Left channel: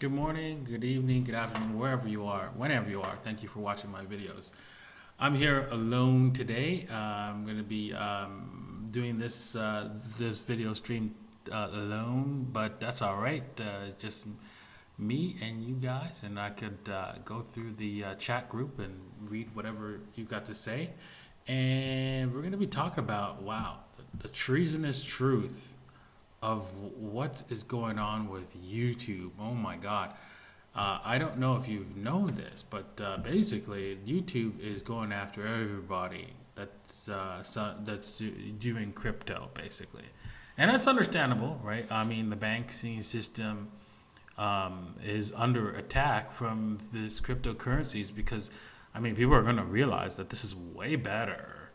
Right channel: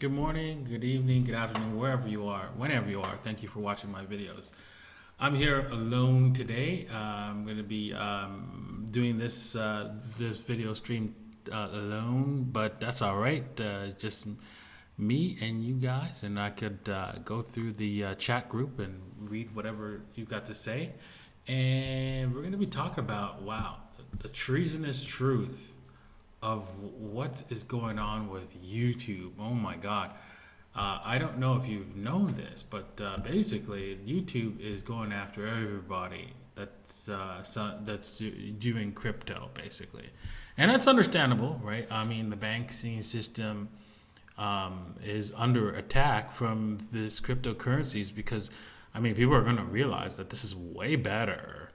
Good morning, good evening, good afternoon, wherever you are, whenever you are. Thank you for watching my videos. I'm here alone today. I'm going to be doing this video stream alone, but that's all right. Just me and you guys, and I could go through the chat group and read whatever you got to say. And we're going to be talking about the treasonous truth of what is going on with YouTube. Oh my God. I don't know if you've known this, but basically, YouTube is going after everybody that's doing crypto, basically, and that's understandable, right? I mean, the banking system is under attack from this cryptocurrencies because, I mean, people are going to realize that this is way better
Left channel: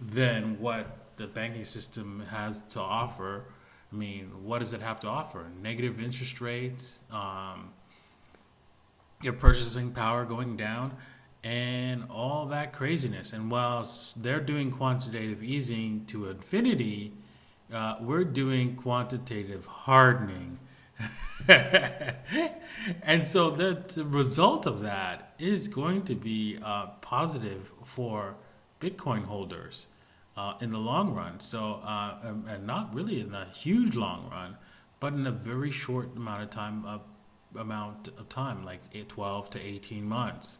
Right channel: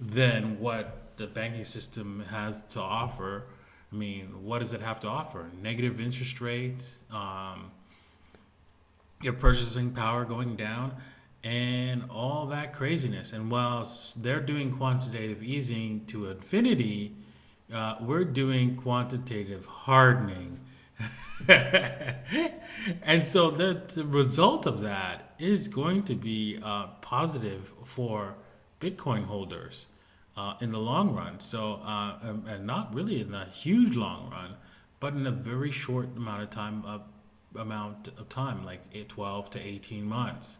than what the banking system has to offer. I mean, what does it have to offer? Negative interest rates, your purchasing power going down, and all that craziness. And whilst they're doing quantitative easing to infinity, we're doing quantitative hardening. And so the result of that is going to be positive for Bitcoin holders in the long run. So, and not really in the huge long run, but in a very short amount of time, like 12 to 18 months.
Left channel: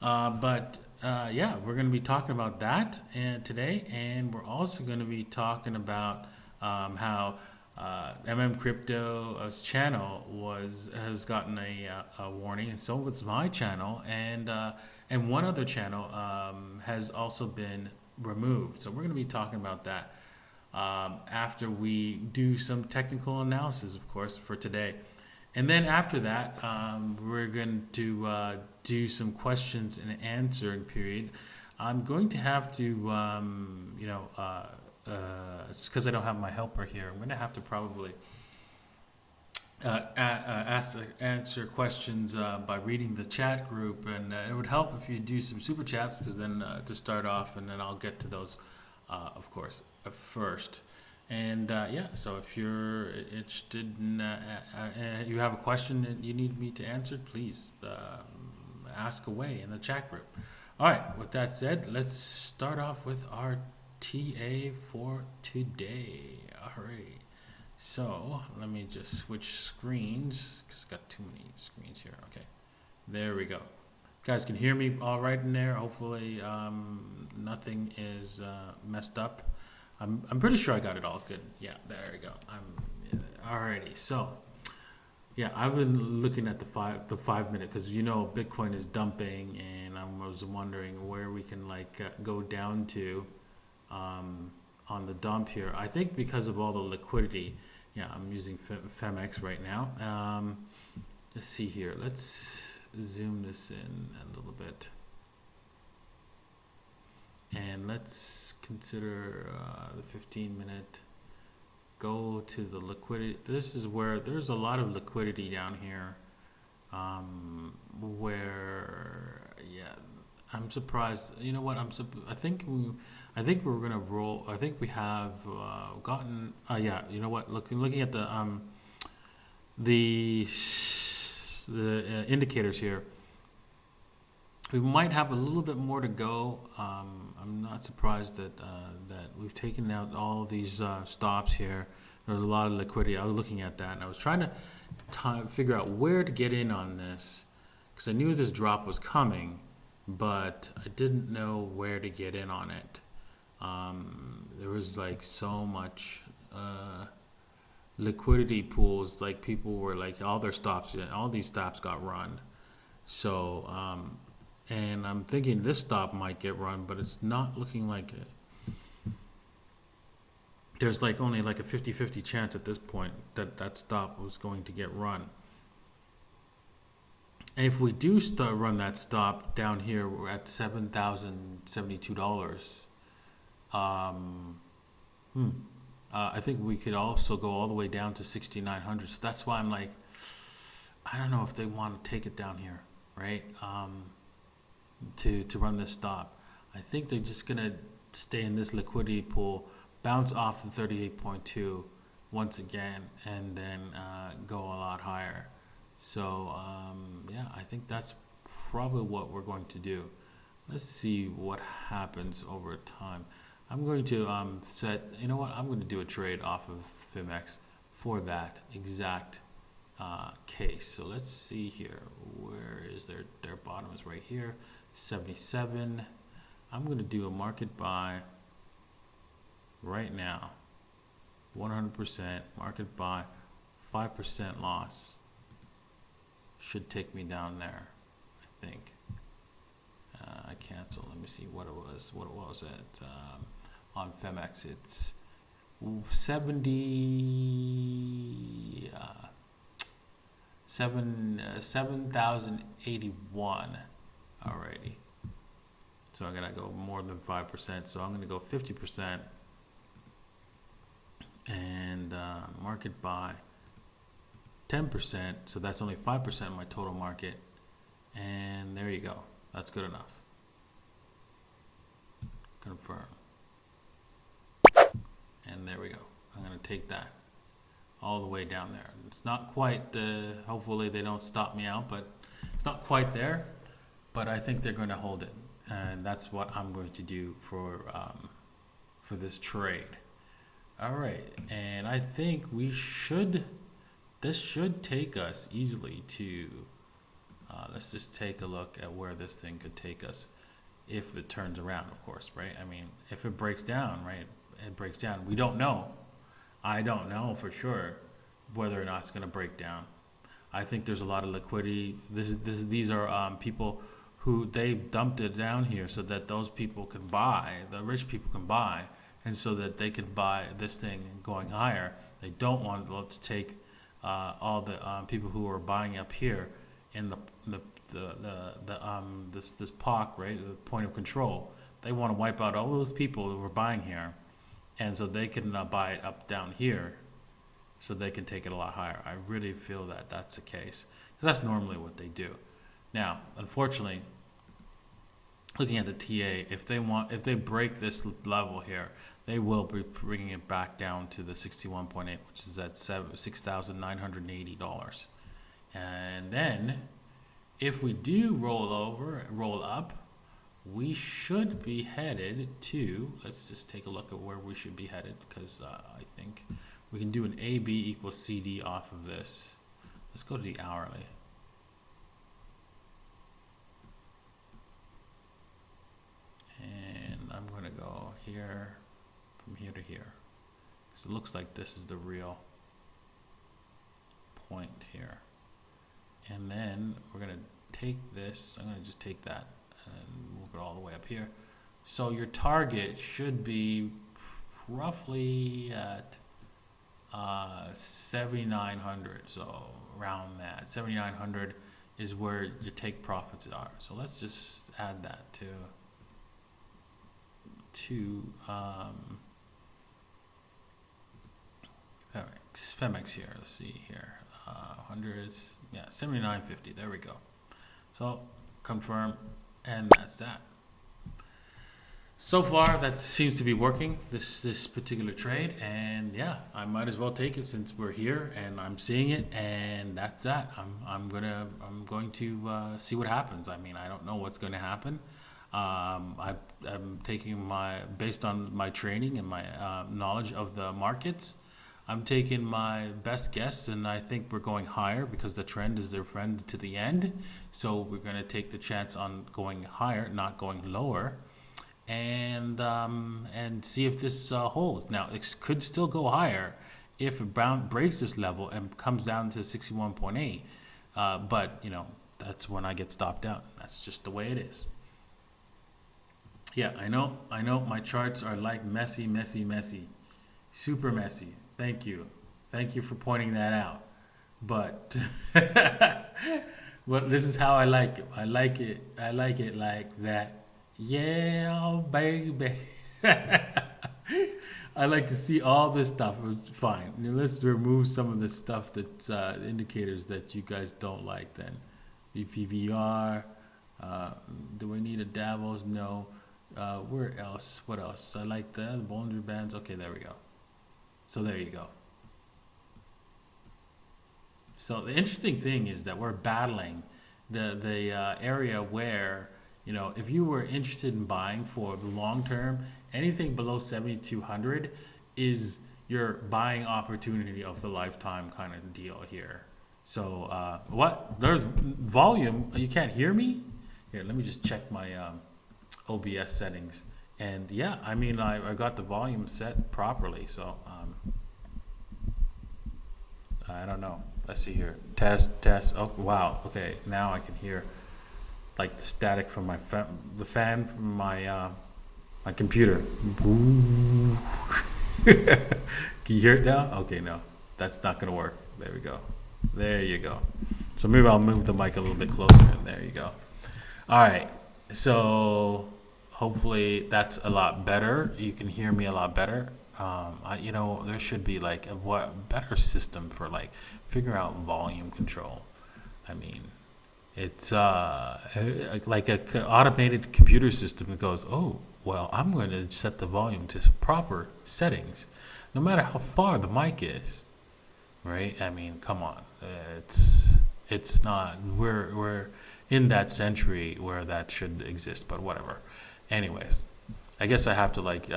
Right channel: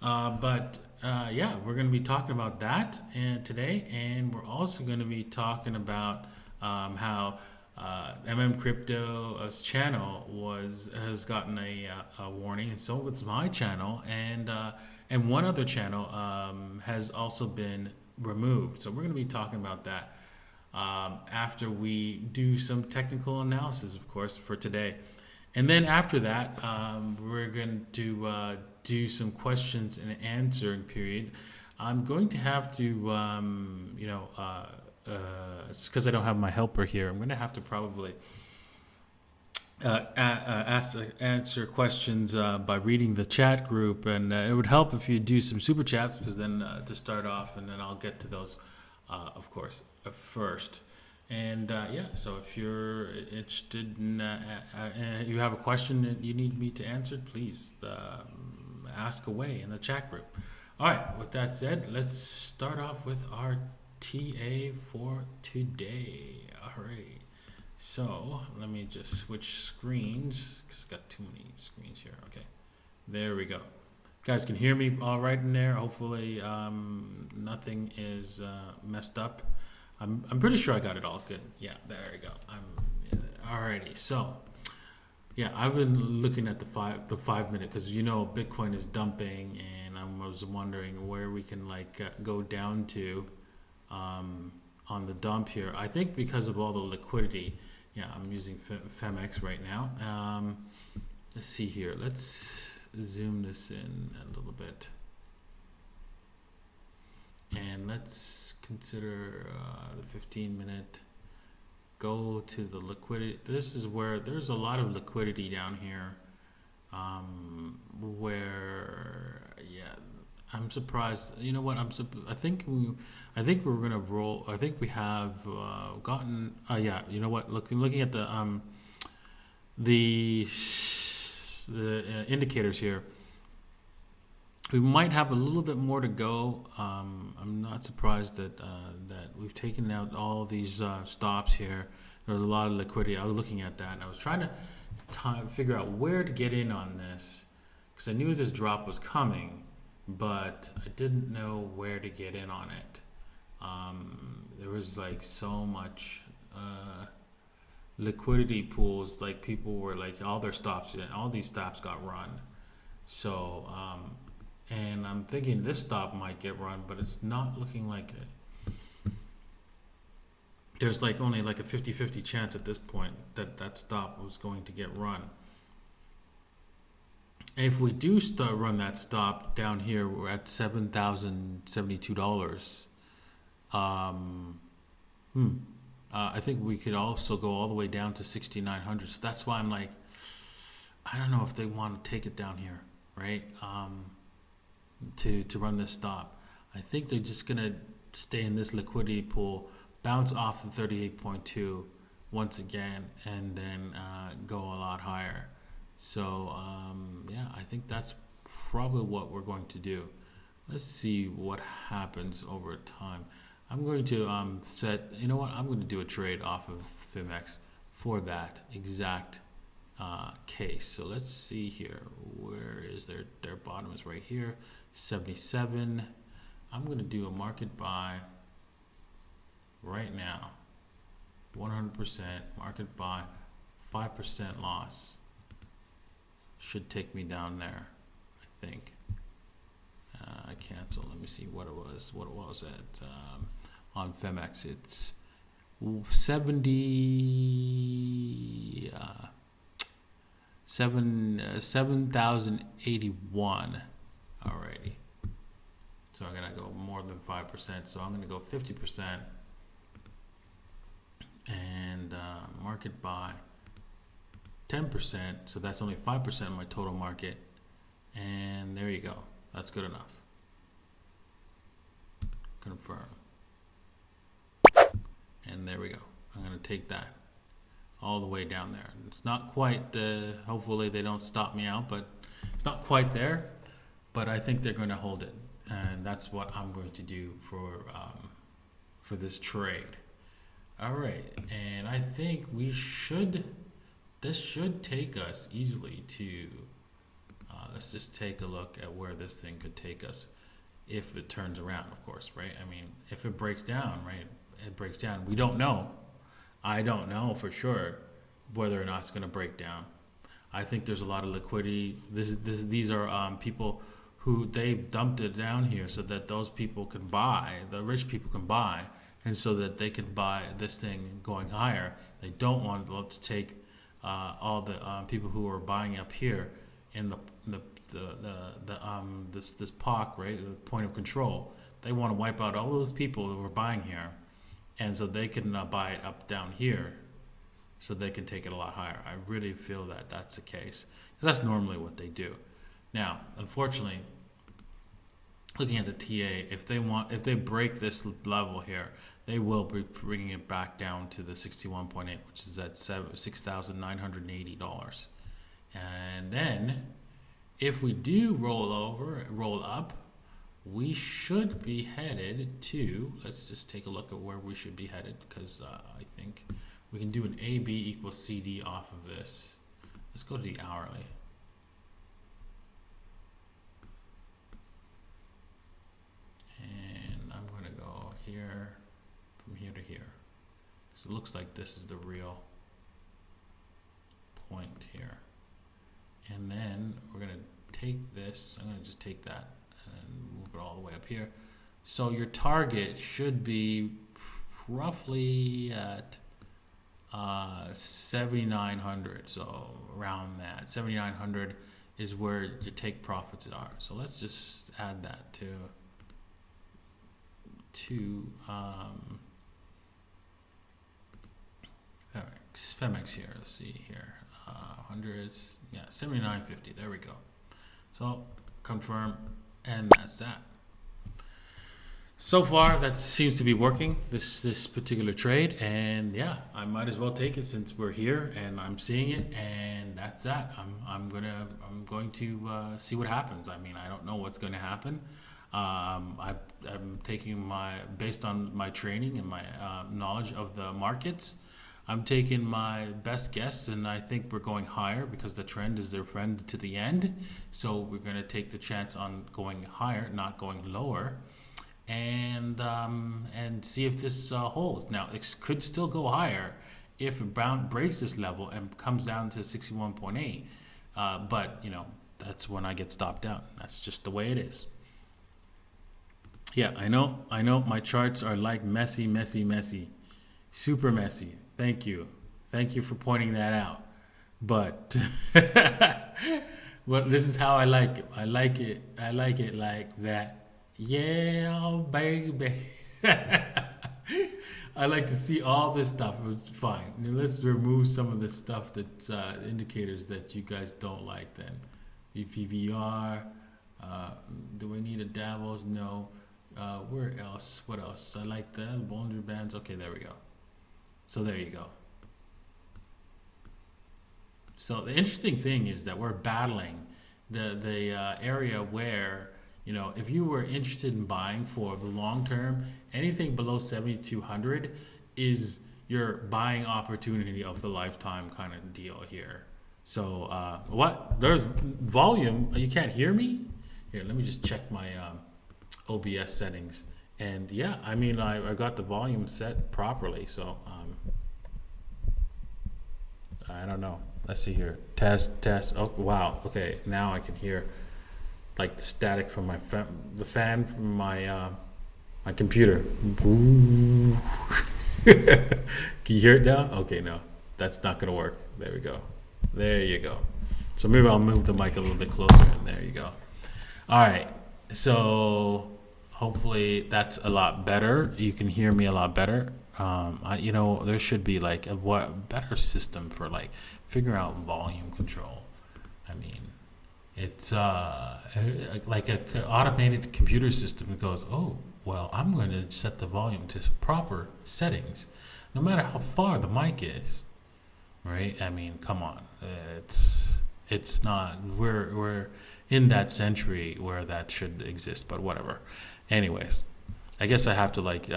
Yeah, we're going to be talking about that today, and we're also going to be talking about how Crypto's channel has gotten a warning, and so was my channel, and one other channel has also been removed. So we're going to be talking about that after we do some technical analysis, of course, for today. And then after that, we're going to do some questions and answering period. I'm going to have to, because I don't have my helper here, I'm going to have to probably answer questions by reading the chat group, and it would help if you do some super chats, because then to start off, and then I'll get to those, of course, first. And yeah, so if you're interested in, you have a question that you need me to answer, please ask away in the chat group. All right, with that said, let's start off with our TA for today. All right. So let me just switch screens because I've got too many screens here. Okay, there we go. You guys can hear me all right in there. Hopefully nothing is messed up. I'm pretty sure I got it all good. Yeah, there we go. Alrighty. So yeah, I've been looking at the 5 minute, because Bitcoin is dumping, and I was wondering where we can go down to on the dump here. I think because of all the liquidity. Yeah, I'm using Femex right now. Let's see here. Let's zoom this in a little bit. And let's consider the 15-minute. Go to the liquidity. This is where there's a lot of liquidity down here. Yeah, I'm surprised. You know what? I think we're gonna roll. I think we have gotten. Yeah. You know what? Looking at the indicators here, we might have a little bit more to go. I'm not surprised that we've taken out all these stops here. There's a lot of liquidity. I was looking at that, and I was trying to figure out where to get in on this, because I knew this drop was coming, but I didn't know where to get in on it. There was so much liquidity pools. People were all their stops, all these stops got run. So, and I'm thinking this stop might get run, but it's not looking like it. There's only a 50-50 chance at this point that stop was going to get run. And if we do run that stop down here, we're at $7,072. I think we could also go all the way down to 6,900. So that's why I'm I don't know if they want to take it down here, right? To run this stop. I think they're just gonna stay in this liquidity pool, bounce off the 38.2 once again, and then go a lot higher. So yeah, I think that's probably what we're going to do. Let's see what happens over time. I'm going to set, you know what, I'm going to do a trade off of Fimex for that exact case. So let's see here. Where is their bottom is right here, 77. I'm going to do a market buy right now, 100% market buy, 5% loss. Should take me down there, I think. I cancel. Let me see what it was. What it was at on Femex. It's 7,081 already. So I'm gonna go more than 5%. So I'm gonna go 50% and market buy 10%. So that's only 5% of my total market. And there you go. That's good enough. Confirm. And there we go. I'm going to take that all the way down there. It's not quite, hopefully they don't stop me out, but it's not quite there. But I think they're going to hold it. And that's what I'm going to do for this trade. All right. And I think this should take us easily to, let's just take a look at where this thing could take us if it turns around, of course, right? I mean, if it breaks down, right, it breaks down. We don't know. I don't know for sure whether or not it's going to break down. I think there's a lot of liquidity. These are people who they dumped it down here so that those people can buy, the rich people can buy, and so that they can buy this thing going higher. They don't want to take all the people who are buying up here in this POC, right, the point of control. They want to wipe out all those people who are buying here, and so they can buy it up down here, so they can take it a lot higher. I really feel that that's the case, because that's normally what they do. Now, unfortunately, looking at the TA, if they break this level here, they will be bringing it back down to the 61.8, which is at $6,980. And then, if we do roll up, we should be headed to, let's just take a look at where we should be headed, because I think we can do an AB equals CD off of this. Let's go to the hourly. And I'm going to go here, from here to here. So it looks like this is the real point here. And then we're going to take this, I'm going to just take that and move it all the way up here. So your target should be roughly at 7,900. So around that, 7,900 is where your take profits are. So let's just add that to Femex here. Let's see here. Hundreds, yeah, 79.50. There we go. So confirm, and that's that. So far, that seems to be working, this particular trade, and yeah, I might as well take it since we're here and I'm seeing it, and that's that. I'm going to see what happens. I mean, I don't know what's going to happen. I'm taking based on my training and my knowledge of the markets, I'm taking my best guess, and I think we're going higher because the trend is their friend to the end. So we're going to take the chance on going higher, not going lower, and see if this holds. Now, it could still go higher if it breaks this level and comes down to 61.8. But, you know, that's when I get stopped out. That's just the way it is. Yeah, I know my charts are like messy, super messy. Thank you for pointing that out. But but this is how I like it. I like it like that. Yeah, baby. I like to see all this stuff. Fine. Now let's remove some of the stuff that's indicators that you guys don't like then. BPVR. Do we need a Davos? No. Where else? What else? I like the Bollinger Bands. Okay, there we go. So there you go. So the interesting thing is that we're battling the area where, if you were interested in buying for the long term, anything below 7,200 is your buying opportunity of the lifetime kind of deal here. So what? There's volume. You can't hear me? Here, let me just check my OBS settings. And yeah, I mean, I got the volume set properly. So I don't know. Let's see here. Test. Oh, wow. Okay, now I can hear like the static from the fan from my computer. Can you hear it now? Okay, no, that's not gonna work. There we go. There you go. So maybe I'll move the mic a little bit closer, and there you go. All right. So hopefully that's a lot better. You can hear me a lot better. There should be like a better system for like figuring out volume control. I mean, it's like a automated computer system that goes, oh, well, I'm going to set the volume to proper settings, no matter how far the mic is, right? I mean, come on, it's not. We're in that century where that should exist, but whatever. Anyways, I guess I have to like.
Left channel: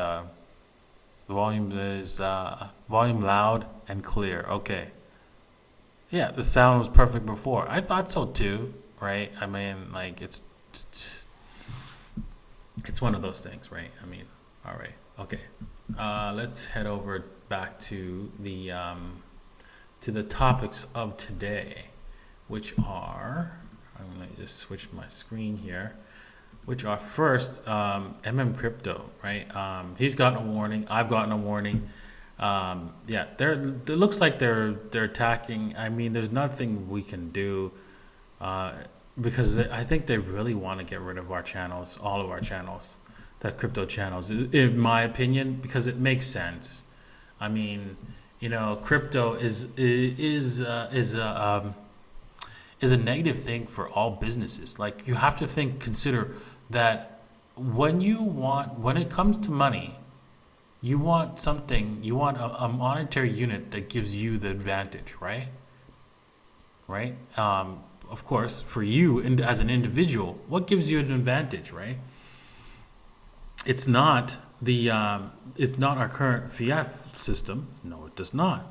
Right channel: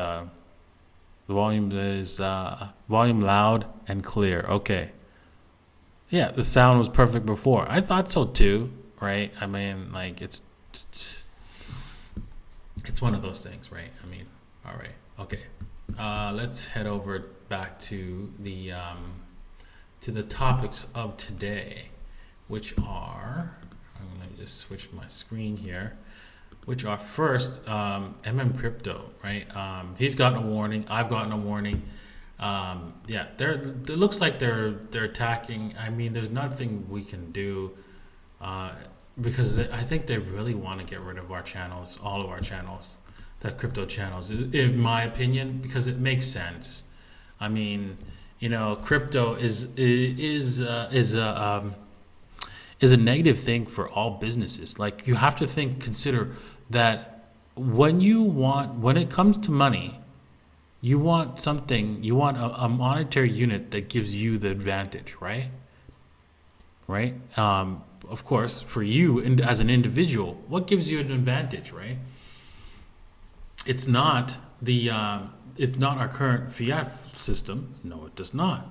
The volume is volume loud and clear. Okay. Yeah, the sound was perfect before. I thought so too, right? I mean, like it's one of those things, right? I mean, all right, okay. Let's head over back to the topics of today, which are. I'm gonna just switch my screen here. Which are first Crypto, right? He's gotten a warning. I've gotten a warning. It looks like they're attacking. I mean, there's nothing we can do because I think they really want to get rid of our channels, all of our channels, the crypto channels, in my opinion, because it makes sense. I mean, crypto is a negative thing for all businesses. Like you have to consider that when it comes to money, you want a monetary unit that gives you the advantage, right? Right? Of course, for you as an individual, what gives you an advantage, right? It's not our current fiat system. No, it does not.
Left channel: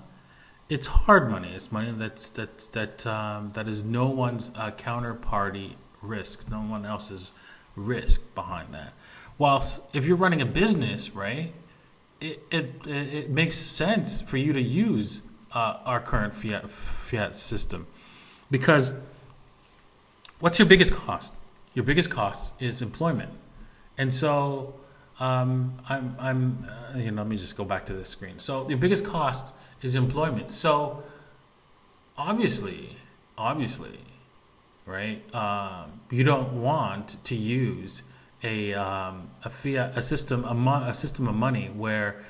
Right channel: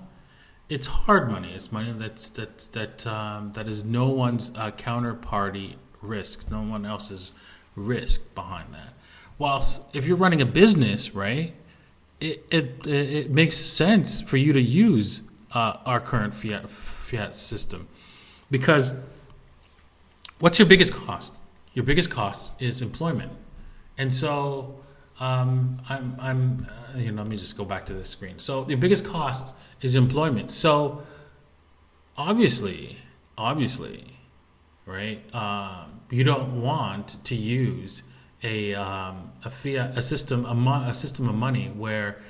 It's hard money. It's money that is no one's counterparty risk, no one else's risk behind that. Whilst if you're running a business, right, it makes sense for you to use our current fiat system, because what's your biggest cost? Your biggest cost is employment, and so let me just go back to the screen. So the biggest cost is employment. So obviously, right? You don't want to use a system of money where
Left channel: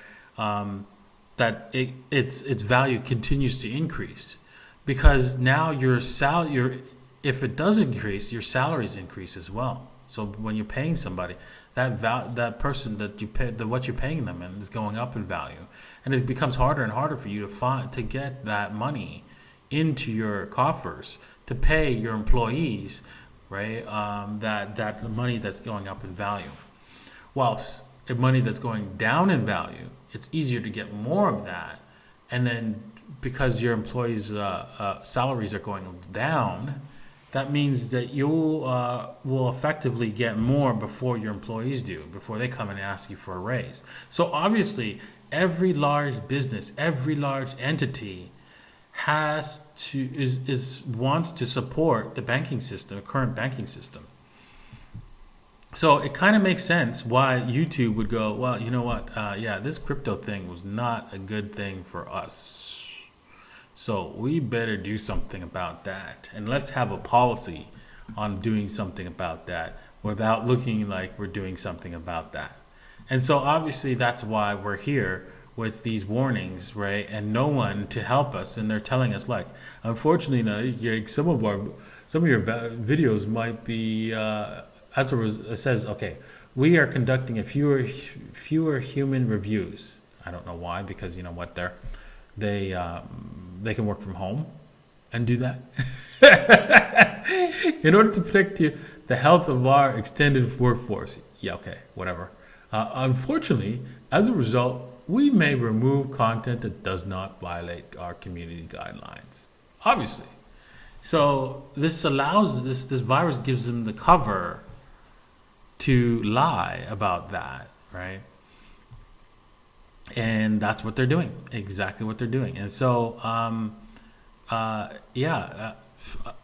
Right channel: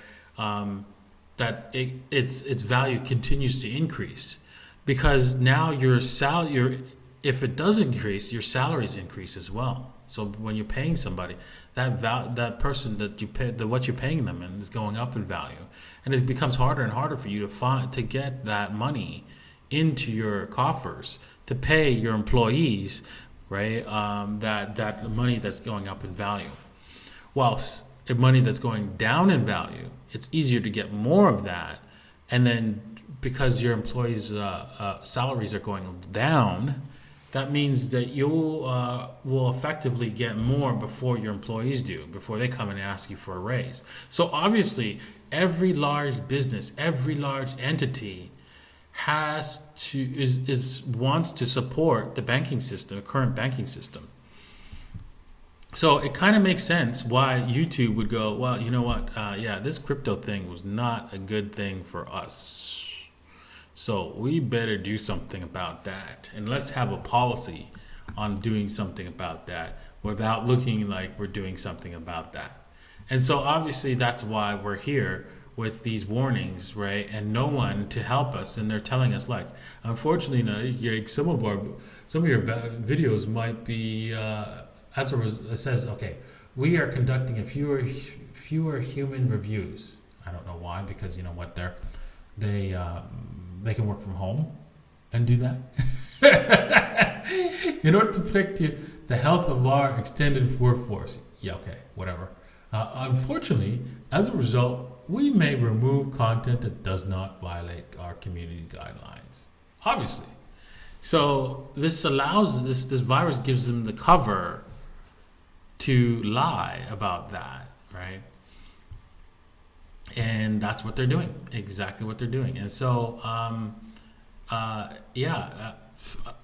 its value continues to increase, because now if it does increase, your salaries increase as well. So when you're paying somebody, that person that you pay, what you're paying them in, is going up in value, and it becomes harder and harder for you to get that money into your coffers to pay your employees, right? That money that's going up in value. Whilst if money that's going down in value, it's easier to get more of that, and then because your employees' salaries are going down, that means that you will effectively get more before your employees do, before they come and ask you for a raise. So obviously, every large business, every large entity wants to support the banking system, the current banking system. So it kind of makes sense why YouTube would go, well, you know what? This crypto thing was not a good thing for us. So we better do something about that. And let's have a policy on doing something about that without looking like we're doing something about that. And so obviously that's why we're here with these warnings, right? And no one to help us. And they're telling us, like, unfortunately, some of your videos might be, it says, okay, we are conducting fewer human reviews. I don't know why, because you know what, they can work from home, undo that. In order to protect the health of our extended workforce. Yeah, okay, whatever. Unfortunately, as a result, we may remove content that does not violate our community guidelines. Obviously. So this allows this virus gives them the cover to lie about that, right? And that's what they're doing. Exactly what they're doing. And so,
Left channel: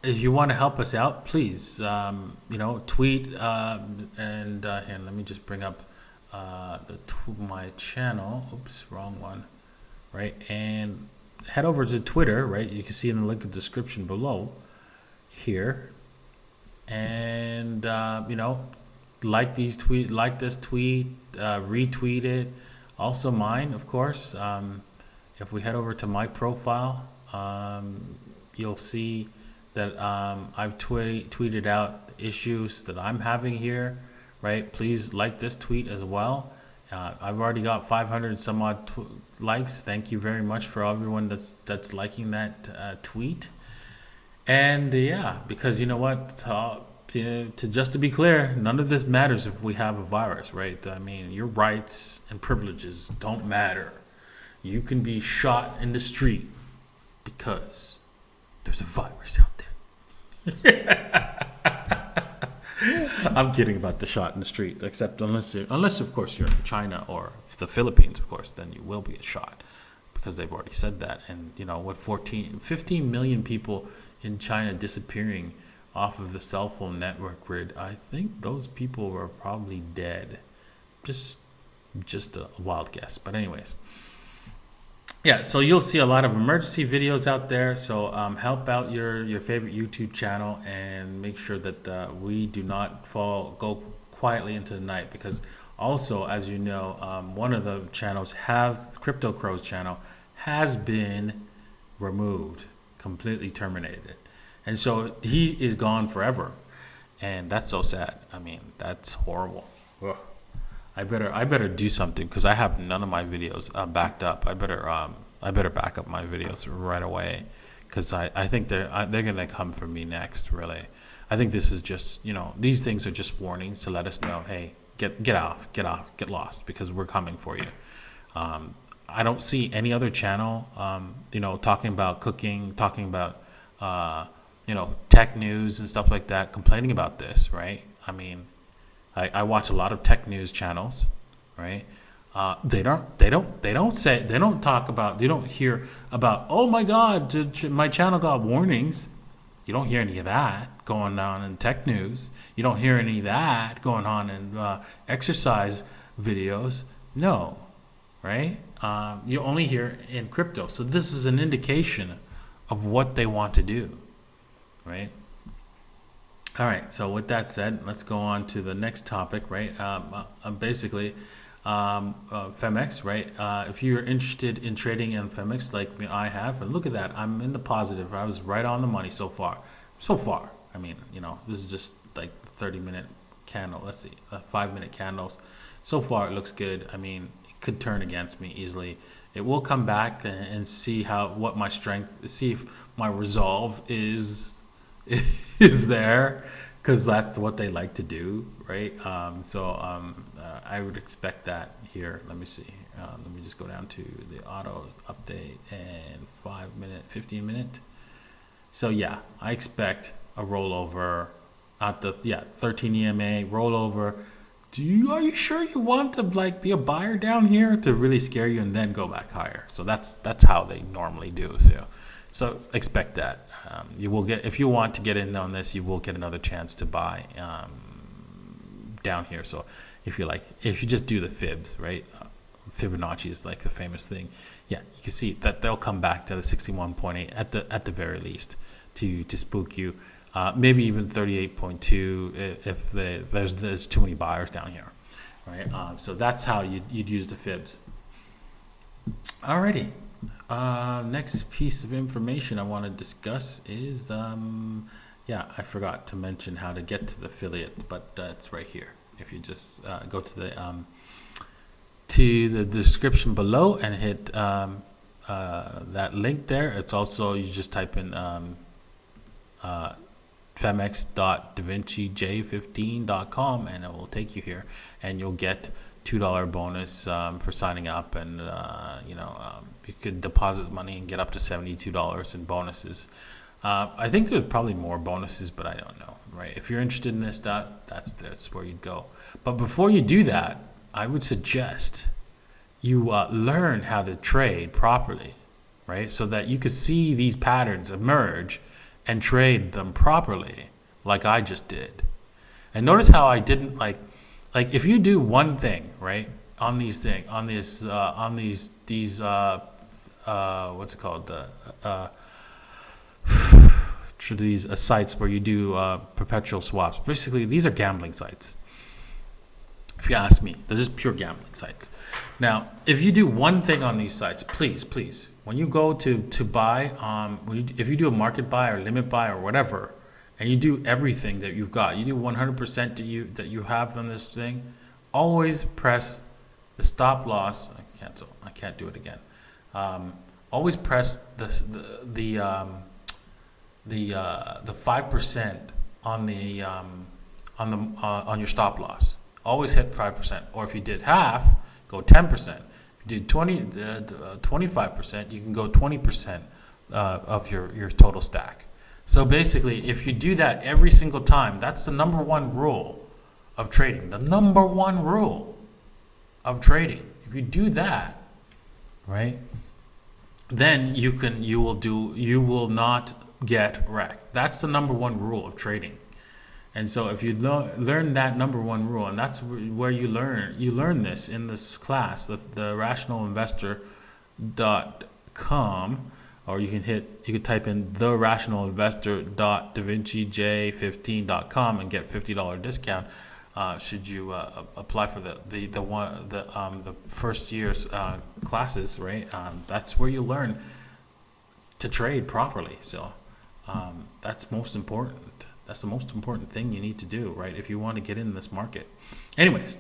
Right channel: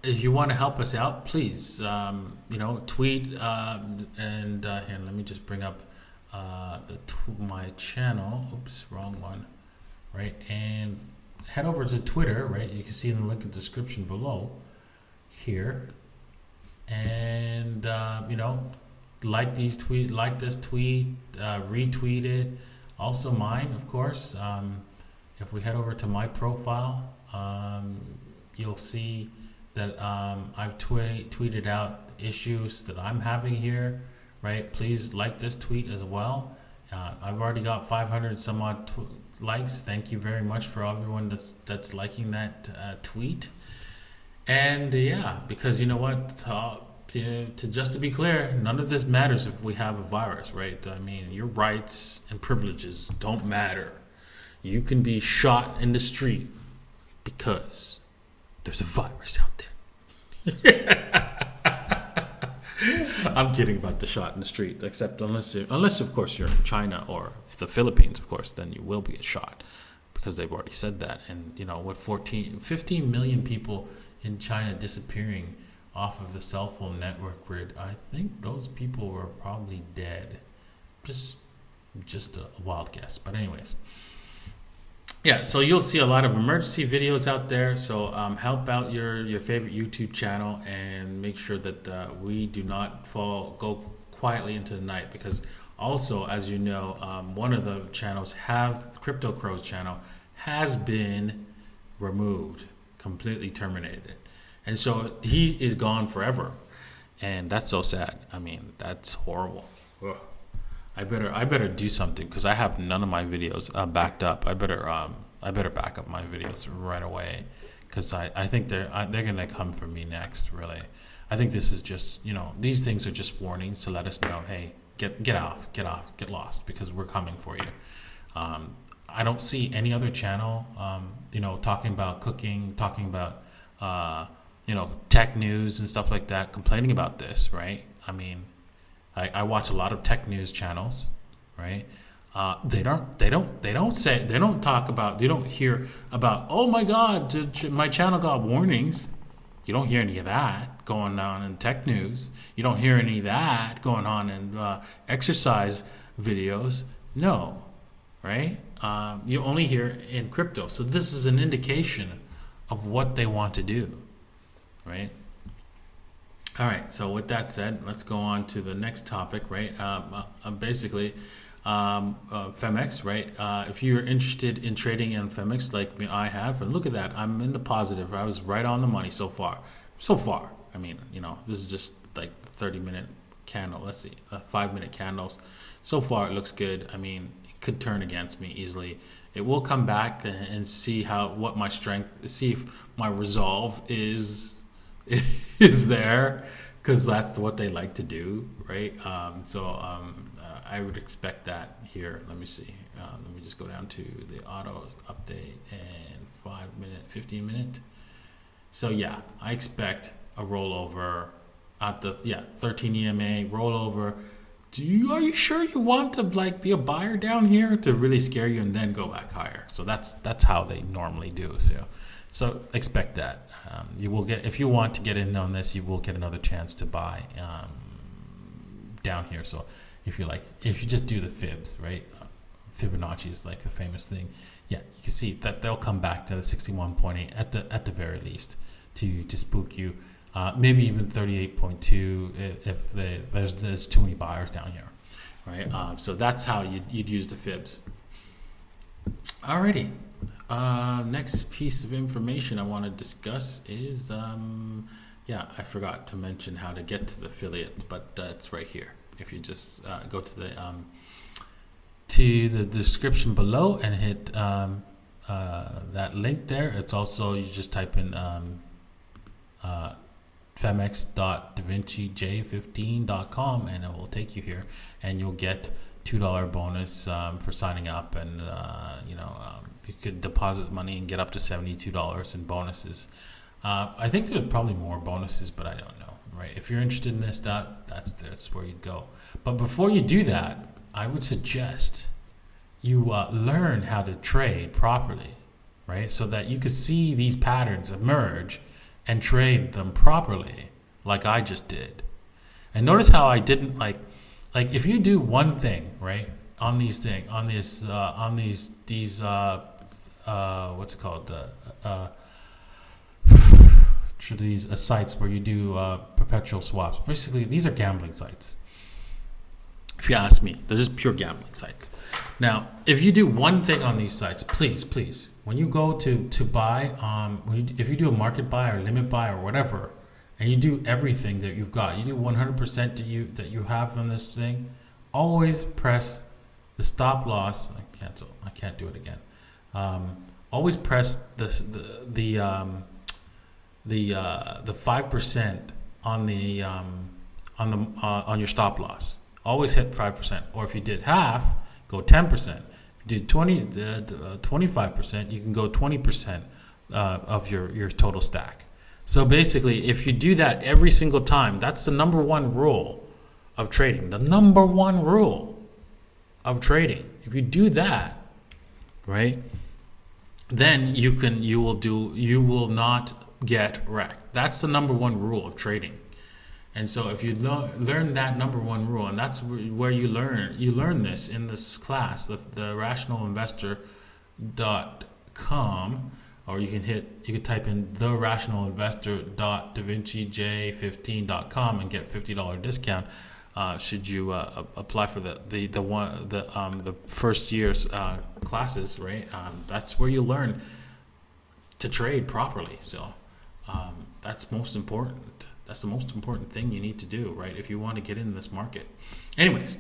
if you want to help us out, please, tweet and here, let me just bring up my channel. Oops, wrong one. Right, and head over to Twitter. Right, you can see in the link in the description below here, and like this tweet, retweet it. Also mine, of course. If we head over to my profile, you'll see that I've tweeted out the issues that I'm having here, right? Please like this tweet as well. I've already got 500 some odd likes. Thank you very much for everyone that's liking that tweet. And because you know what, to be clear, none of this matters if we have a virus, right? I mean, your rights and privileges don't matter. You can be shot in the street because there's a virus out there. I'm kidding about the shot in the street, except unless of course you're in China or the Philippines, of course, then you will be shot because they've already said that. And with 15 million people in China disappearing off of the cell phone network grid, I think those people were probably dead. Just a wild guess, but anyways. Yeah, so you'll see a lot of emergency videos out there. So help out your favorite YouTube channel and make sure that we do not go quietly into the night. Because also, as you know, one of the channels CryptoCrow's channel has been removed, completely terminated, and so he is gone forever, and that's so sad. I mean, that's horrible. Ugh. I better do something because I have none of my videos backed up. I better back up my videos right away because I think they're gonna come for me next. Really, I think this is just these things are just warnings to let us know, hey, get off, get lost because we're coming for you. I don't see any other channel talking about cooking, talking about tech news and stuff like that, complaining about this, right? I mean, I watch a lot of tech news channels, right? They don't hear about, oh my God, my channel got warnings. You don't hear any of that going on in tech news. You don't hear any of that going on in exercise videos. No, right? You only hear in crypto. So this is an indication of what they want to do, right? All right, so with that said, let's go on to the next topic, right? Basically, Femex, right? If you're interested in trading in Femex like I have, and look at that, I'm in the positive. I was right on the money so far. I mean, this is just like 30-minute candle. Let's see, 5-minute candles. So far, it looks good. I mean, it could turn against me easily. It will come back and see what my strength, see if my resolve is there, because that's what they like to do, right? I would expect that here. Let me see. Let me just go down to the auto update and 5-minute, 15-minute. So yeah, I expect a rollover at the 13 EMA rollover. Are you sure you want to be a buyer down here to really scare you and then go back higher? So that's how they normally do. So expect that. You will get, if you want to get in on this, you will get another chance to buy down here. So if you just do the fibs, right? Fibonacci is like the famous thing. Yeah, you can see that they'll come back to the 61.8 at the very least to spook you. Maybe even 38.2 if there's too many buyers down here, right? So that's how you'd use the fibs. Alrighty. Next piece of information I want to discuss is, I forgot to mention how to get to the affiliate, but it's right here. If you just go to the description below and hit that link there. It's also, you just type in femex.davinci15.com and it will take you here, and you'll get $2 bonus for signing up, and you could deposit money and get up to $72 in bonuses. I think there's probably more bonuses, but I don't know, right? If you're interested in this, that's where you'd go. But before you do that, I would suggest you learn how to trade properly, right? So that you could see these patterns emerge and trade them properly, like I just did. And notice how I didn't like if you do one thing, right, on these what's it called, these sites where you do perpetual swaps. Basically, these are gambling sites. If you ask me, they're just pure gambling sites. Now, if you do one thing on these sites, please, when you go to buy, if you do a market buy or limit buy or whatever, and you do everything that you've got, you do 100% that you have on this thing, always press the stop loss. I can't do it again. Always press the 5% on your stop loss. Always hit 5%. Or if you did half, go 10%. If you did 25%, you can go 20% of your total stack. So basically, if you do that every single time, that's the number one rule of trading. The number one rule of trading. If you do that, right, then you will not get wrecked. That's the number one rule of trading. And so if you learn that number one rule, and that's where you learn this in this class, the rationalinvestor.com, or you could type in therationalinvestor.davinci15.com and get $50 discount should you apply for the first year's classes, right? That's where you learn to trade properly. So that's most important. That's the most important thing you need to do, right, if you want to get in this market. Anyways,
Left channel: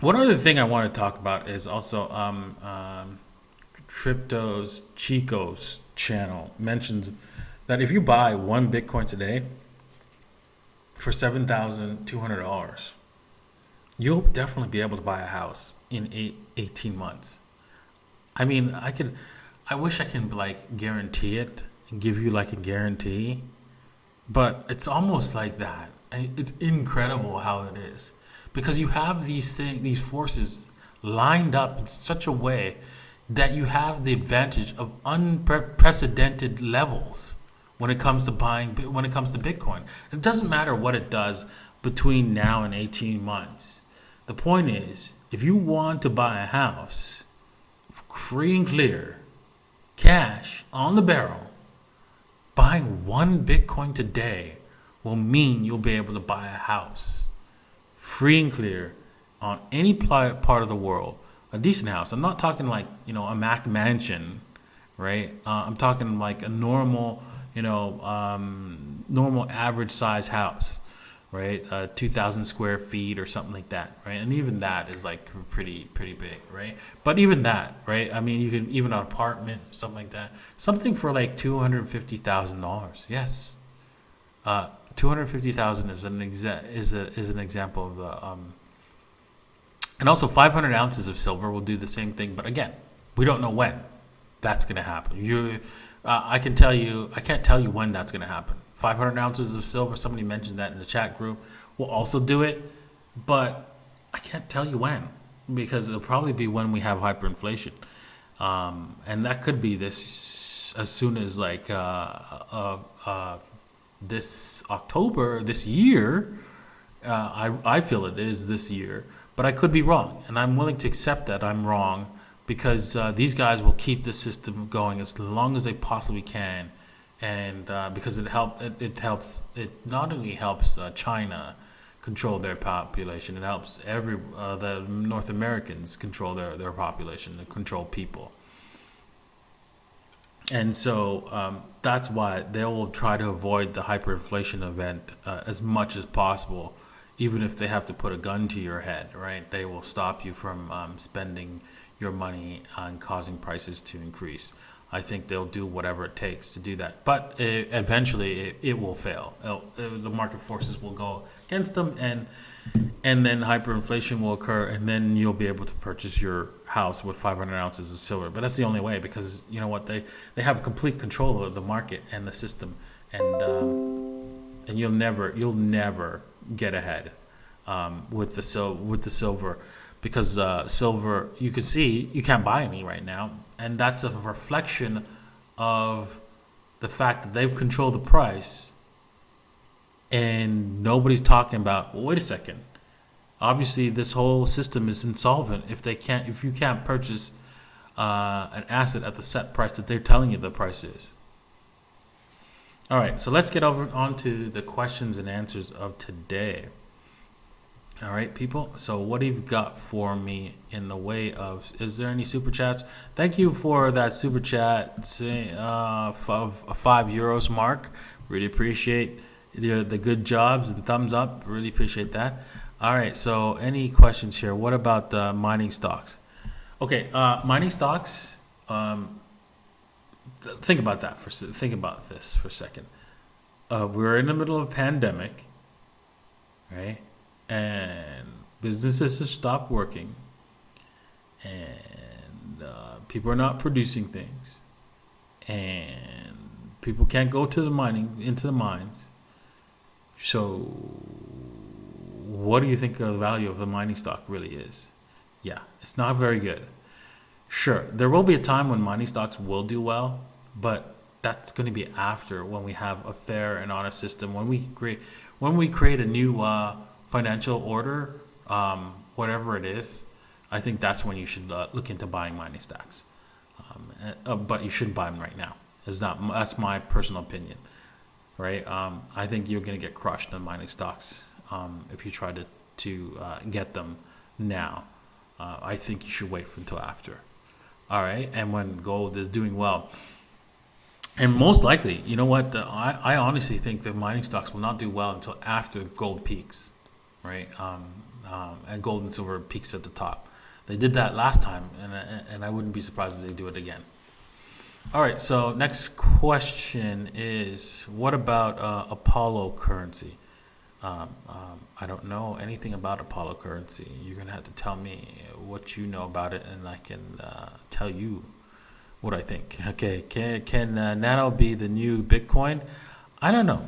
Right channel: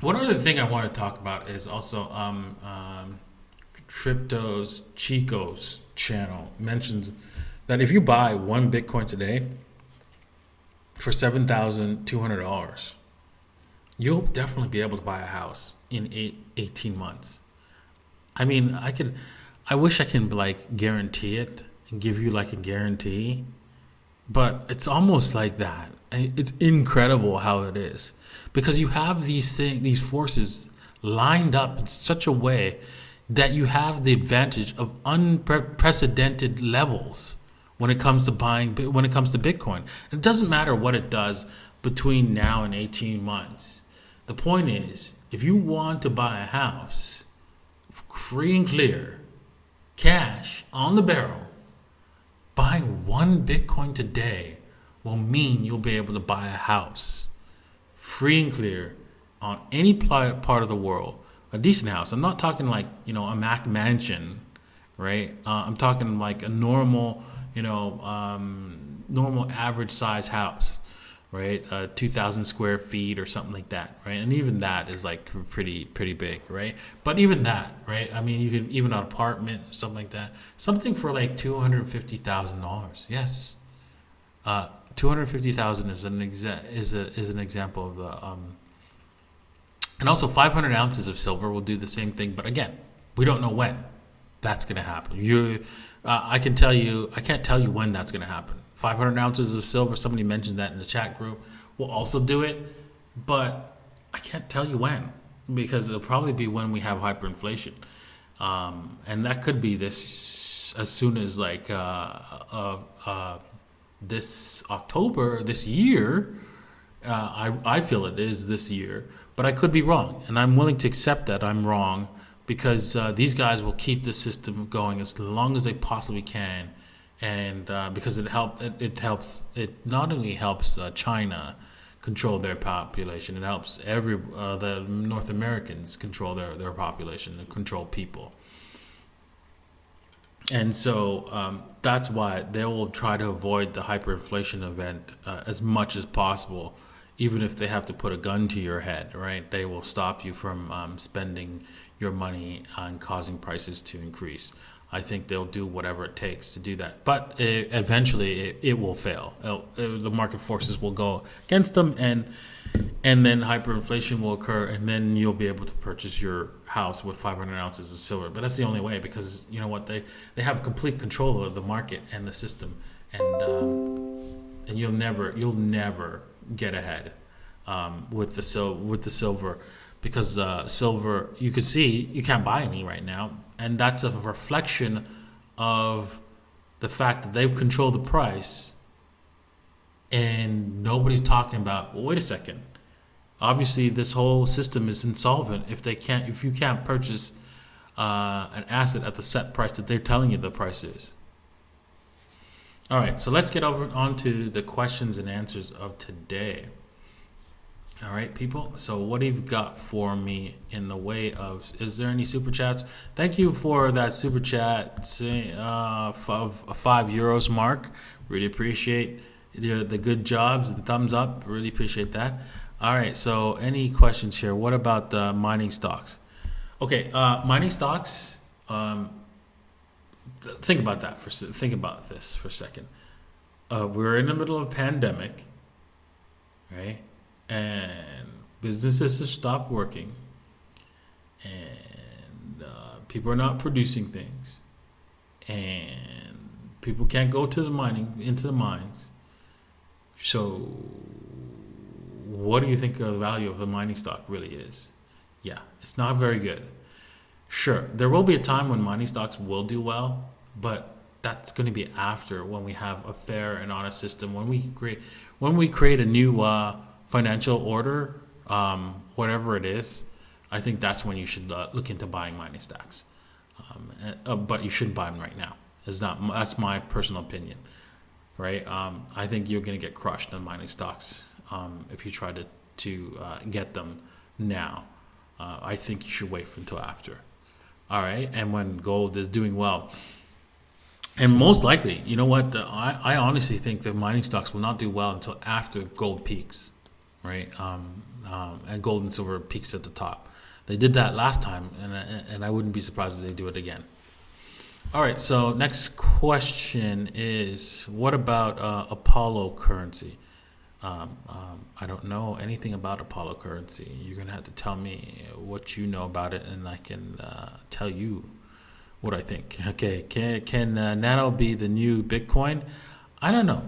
one other thing I want to talk about is also Crypto's Chico's channel mentions that if you buy one Bitcoin today for $7,200, you'll definitely be able to buy a house in 18 months. I mean, I wish I can guarantee it and give you a guarantee, but it's almost like that. It's incredible how it is, because you have these forces lined up in such a way that you have the advantage of unprecedented levels when it comes to Bitcoin. It doesn't matter what it does between now and 18 months. The point is, if you want to buy a house free and clear, cash on the barrel, buying one Bitcoin today will mean you'll be able to buy a house free and clear on any part of the world. A decent house. I'm not talking a Mac mansion, right? I'm talking like a normal, normal average size house, right? 2,000 square feet or something like that, right? And even that is pretty big, right? But even that, right? I mean, you could even an apartment, something like that, something for $250,000. Yes, $250,000 is an example of the. And also 500 ounces of silver will do the same thing, but again, we don't know when that's going to happen. I can't tell you when that's going to happen. 500 ounces of silver, somebody mentioned that in the chat group, will also do it, but I can't tell you when, because it'll probably be when we have hyperinflation. And that could be this as soon as this October, this year. I feel it is this year, but I could be wrong, and I'm willing to accept that I'm wrong, because these guys will keep the system going as long as they possibly can, and because it not only helps China control their population, it helps the North Americans control their population and control people. And so that's why they will try to avoid the hyperinflation event as much as possible. Even if they have to put a gun to your head, right? They will stop you from spending your money and causing prices to increase. I think they'll do whatever it takes to do that, but eventually it will fail. The market forces will go against them, and then hyperinflation will occur, and then you'll be able to purchase your house with 500 ounces of silver. But that's the only way, because you know what, they have complete control of the market and the system, and you'll never get ahead with the silver, because silver, you can see you can't buy any right now, and that's a reflection of the fact that they've controlled the price, and nobody's talking about, well, wait a second, obviously this whole system is insolvent if you can't purchase an asset at the set price that they're telling you the price is. All right, so let's get on to the questions and answers of today. All right, people. So what do you got for me in the way of, is there any super chats? Thank you for that super chat of €5 mark. Really appreciate the good jobs and thumbs up. Really appreciate that. All right, so any questions here? What about mining stocks? Okay, mining stocks. Think about this for a second. We're in the middle of a pandemic, right? And businesses have stopped working, and people are not producing things, and people can't go to into the mines. So what do you think the value of the mining stock really is? Yeah, it's not very good. Sure, there will be a time when mining stocks will do well, but that's going to be after, when we have a fair and honest system, when we create a new financial order, whatever it is. I think that's when you should look into buying mining stocks, but you shouldn't buy them right now. That's my personal opinion, right? I think you're going to get crushed on mining stocks if you try to get them now. I think you should wait until after. All right, and when gold is doing well. And most likely, you know what? I honestly think that mining stocks will not do well until after gold peaks, right? And gold and silver peaks at the top. They did that last time, and I wouldn't be surprised if they do it again. All right, so next question is, what about Apollo currency? I don't know anything about Apollo currency. You're going to have to tell me what you know about it, and I can tell you what I think. Okay, can Nano be the new Bitcoin? I don't know.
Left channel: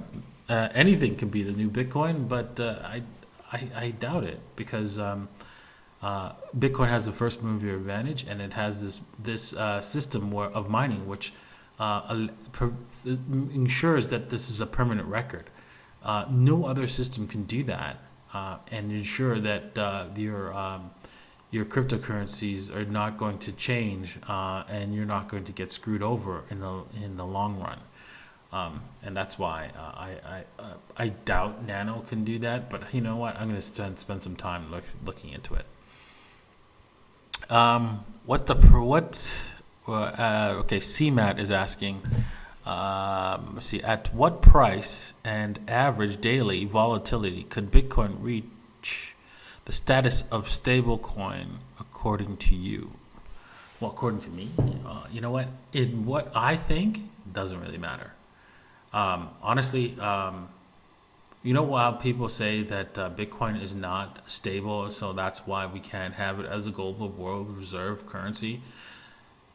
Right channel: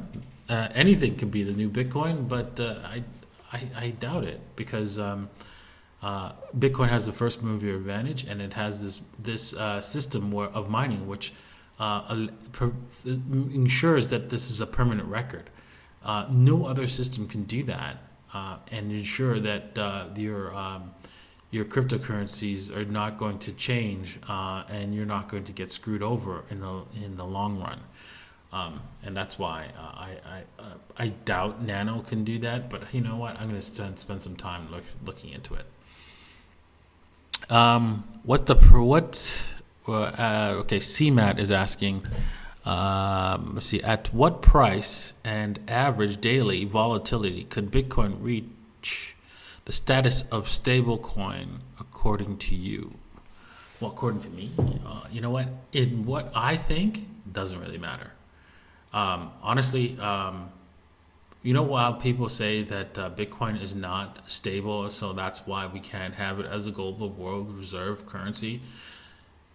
Anything can be the new Bitcoin, but I doubt it, because Bitcoin has the first mover advantage, and it has this system of mining which ensures that this is a permanent record. No other system can do that and ensure that your cryptocurrencies are not going to change, and you're not going to get screwed over in the long run. And that's why I doubt Nano can do that. But you know what? I'm going to spend some time looking into it. Okay, CMAT is asking. Let's see, at what price and average daily volatility could Bitcoin reach the status of stablecoin according to you? Well, according to me, you know what? What I think doesn't really matter. Honestly, you know, while people say that Bitcoin is not stable, so that's why we can't have it as a global world reserve currency,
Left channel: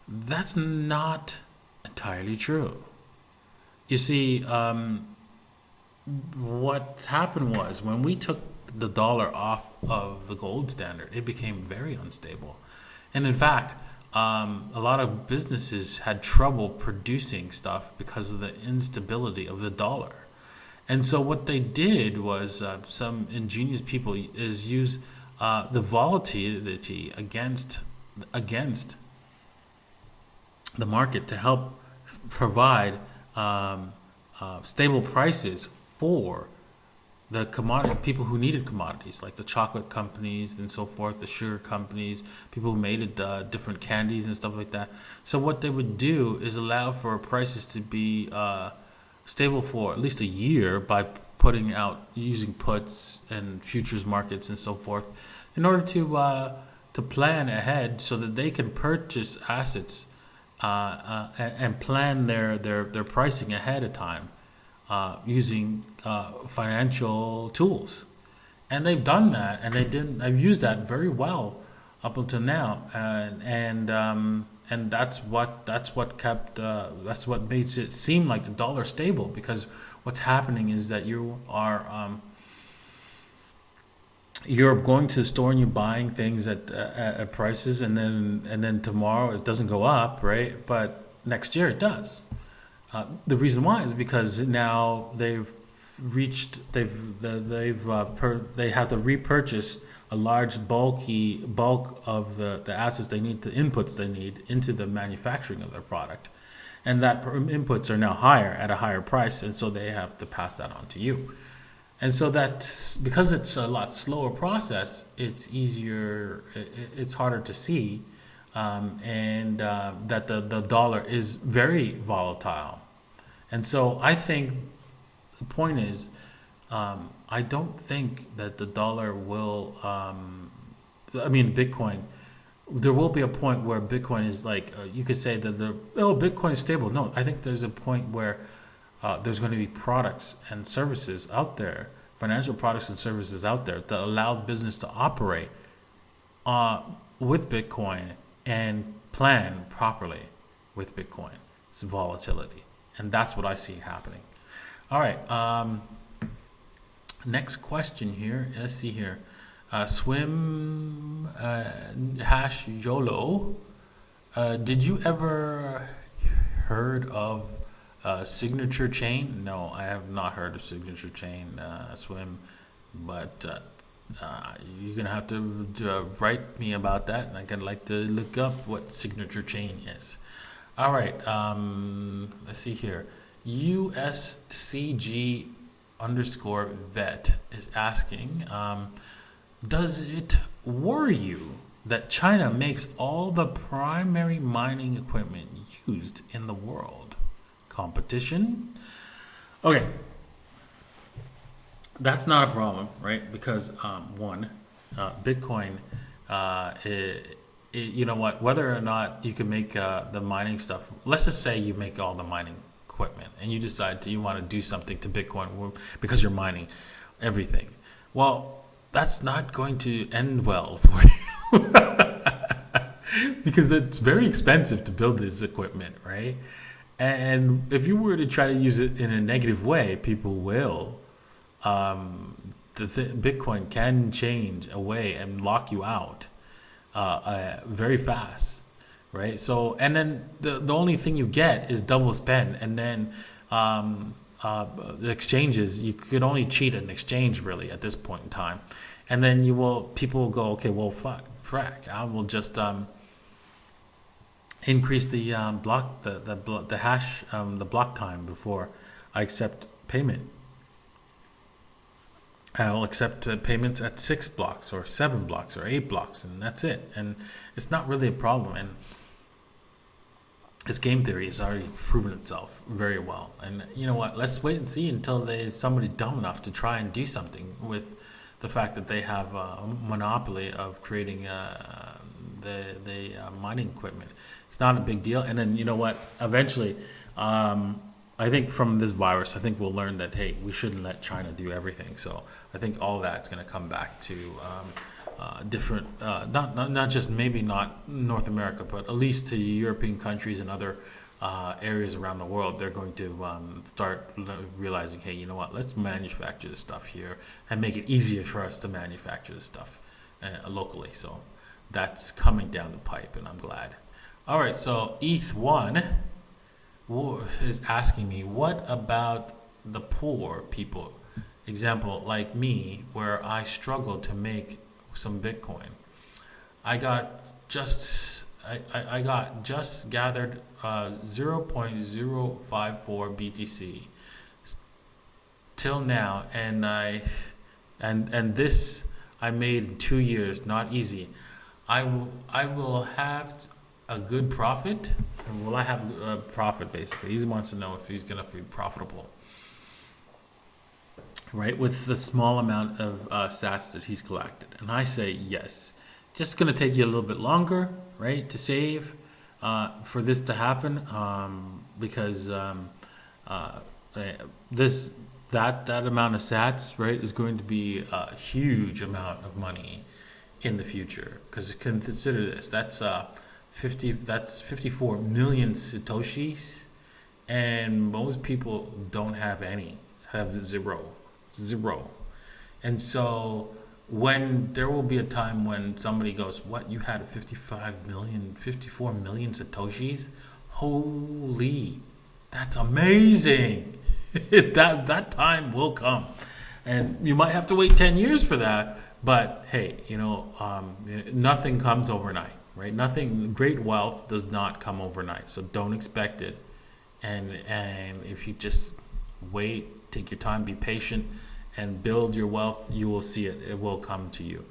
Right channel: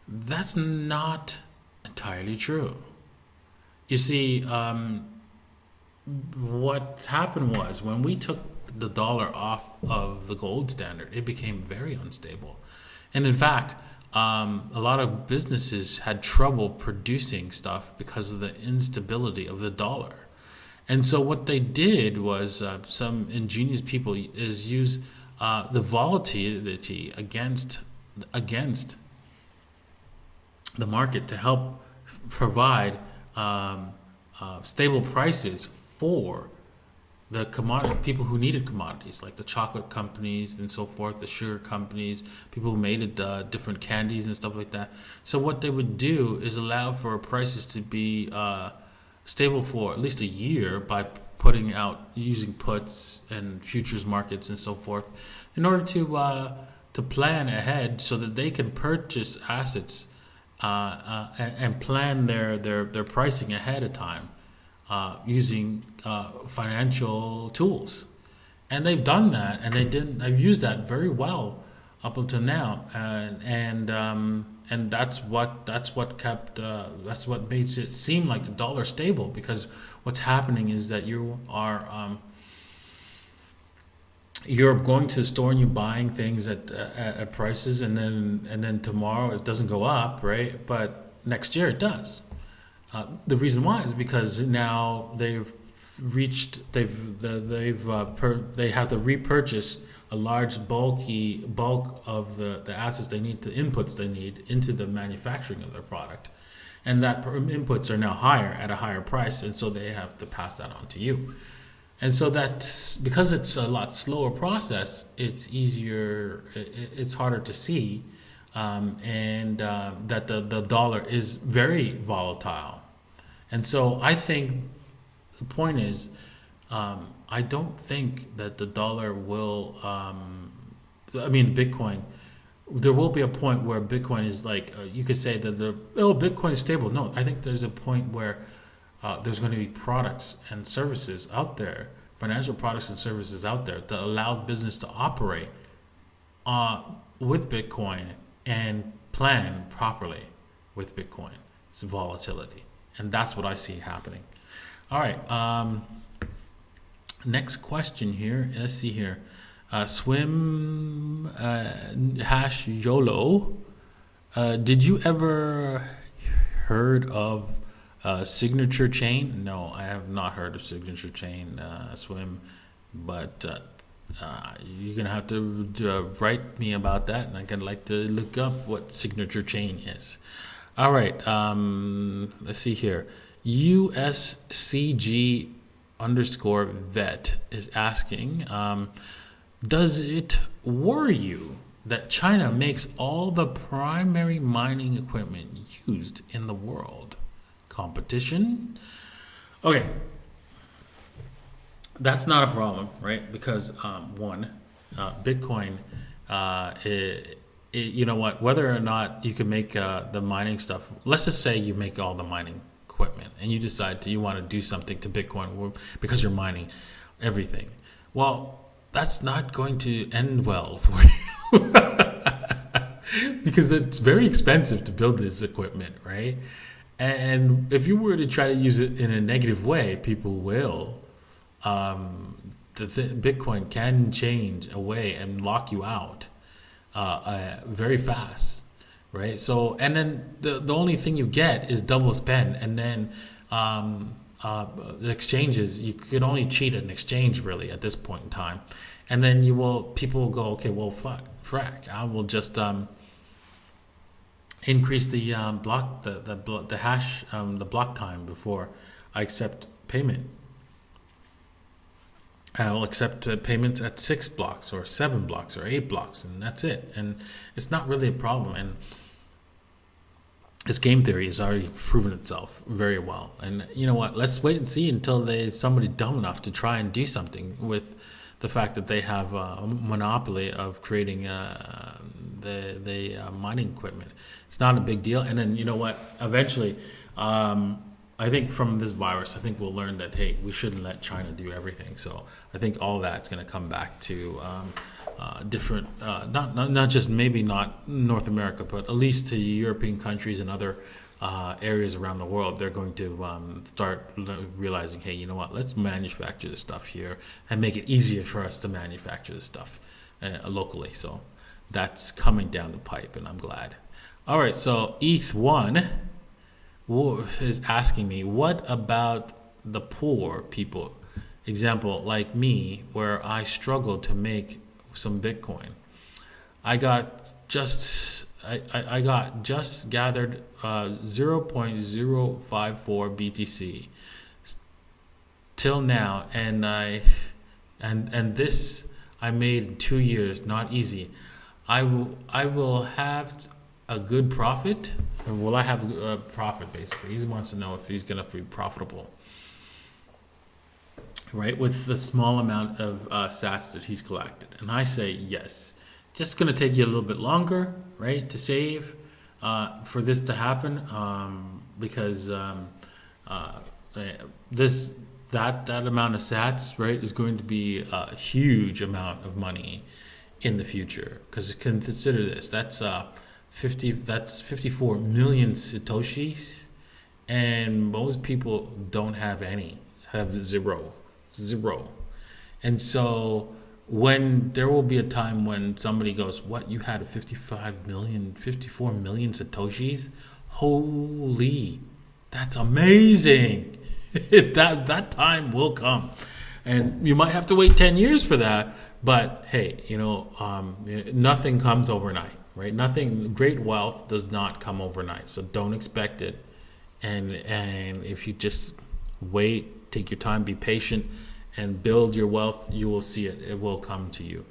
that's not entirely true. You see, what happened was, when we took the dollar off of the gold standard, it became very unstable. And in fact, a lot of businesses had trouble producing stuff because of the instability of the dollar. And so what they did was, some ingenious people is use the volatility against the market to help provide stable prices for the commodity people who needed commodities, like the chocolate companies and so forth, the sugar companies, people who made different candies and stuff like that. So what they would do is allow for prices to be stable for at least a year by using puts and futures markets and so forth, in order to to plan ahead so that they can purchase assets and plan their pricing ahead of time using financial tools. And they've done that, and they've used that very well up until now, and that's what makes it seem like the dollar stable, because what's happening is that you're going to the store and you're buying things at prices, and then tomorrow it doesn't go up, right? But next year it does. The reason why is because now they have to repurchase a large bulk of the assets they need, the inputs they need into the manufacturing of their product, and that inputs are now higher at a higher price, and so they have to pass that on to you. And so that, because it's a lot slower process, it's easier, it's harder to see, and that the dollar is very volatile. And so I think the point is, I don't think that the dollar will, Bitcoin, there will be a point where Bitcoin is like, you could say that Bitcoin is stable. No, I think there's a point where there's going to be products and services out there, financial products and services out there that allows business to operate with Bitcoin and plan properly with Bitcoin. It's volatility. And that's what I see happening. All right. Next question here. Let's see here. Swim hash YOLO. Did you ever heard of signature chain? No, I have not heard of signature chain, Swim, but you're gonna have to write me about that, and I'd like to look up what signature chain is. All right, let's see here. USCG_vet is asking, does it worry you that China makes all the primary mining equipment used in the world? Competition? Okay, that's not a problem, right? Because Bitcoin, you know what? Whether or not you can make the mining stuff, let's just say you make all the mining equipment, and you decide you want to do something to Bitcoin because you're mining everything. Well, that's not going to end well for you because it's very expensive to build this equipment, right? And if you were to try to use it in a negative way, people will. Bitcoin can change away and lock you out very fast, right? So, and then the only thing you get is double spend, and then the exchanges, you could only cheat an exchange really at this point in time, and then people will go, okay, well, frack, I will just increase the block, the hash, the block time before I accept payment. I'll accept payments at 6 blocks or 7 blocks or 8 blocks, and that's it. And it's not really a problem. And this game theory has already proven itself very well. And you know what? Let's wait and see until there's somebody dumb enough to try and do something with the fact that they have a monopoly of creating the mining equipment. It's not a big deal. And then you know what? Eventually, I think from this virus, I think we'll learn that, hey, we shouldn't let China do everything. So I think all that's going to come back to different, not just maybe not North America, but at least to European countries and other areas around the world. They're going to start realizing, hey, you know what, let's manufacture this stuff here and make it easier for us to manufacture this stuff locally. So that's coming down the pipe, and I'm glad. All right, so ETH1 is asking me, what about the poor people? Example, like me, where I struggled to make some Bitcoin. I got just gathered 0.054 BTC till now, and this I made in 2 years. Not easy. I will have a good profit. Or will I have a profit, basically? He wants to know if he's going to be profitable, right, with the small amount of sats that he's collected. And I say yes. just going to take you a little bit longer, right, to save for this to happen, because uh, this that amount of sats, right, is going to be a huge amount of money in the future. Because consider this, that's 54 million satoshis, and most people don't have any, have zero. And so when there will be a time when somebody goes, what, you had a 54 million satoshis? Holy, that's amazing. That time will come. And you might have to wait 10 years for that. But hey, nothing comes overnight, right? Nothing, great wealth does not come overnight. So don't expect it. And if you just wait, take your time, be patient, and build your wealth, you will see it. It will come to you.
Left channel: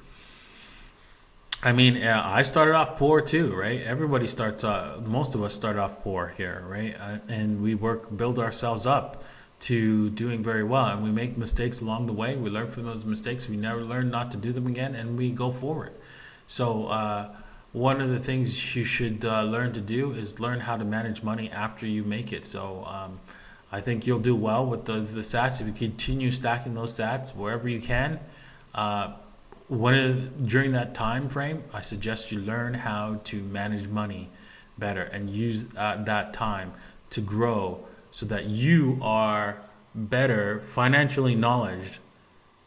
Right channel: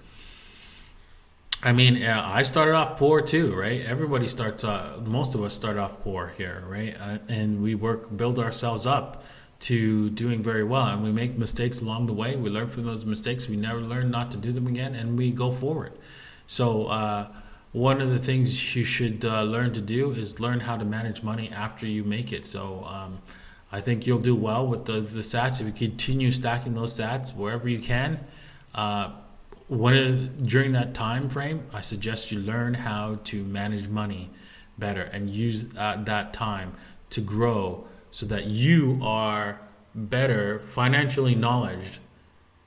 I mean, I started off poor too, right? Everybody most of us start off poor here, right? And we build ourselves up to doing very well. And we make mistakes along the way. We learn from those mistakes. We never learn not to do them again, and we go forward. So one of the things you should learn to do is learn how to manage money after you make it. So I think you'll do well with the sats if you continue stacking those sats wherever you can. During that time frame, I suggest you learn how to manage money better and use that time to grow so that you are better financially knowledged.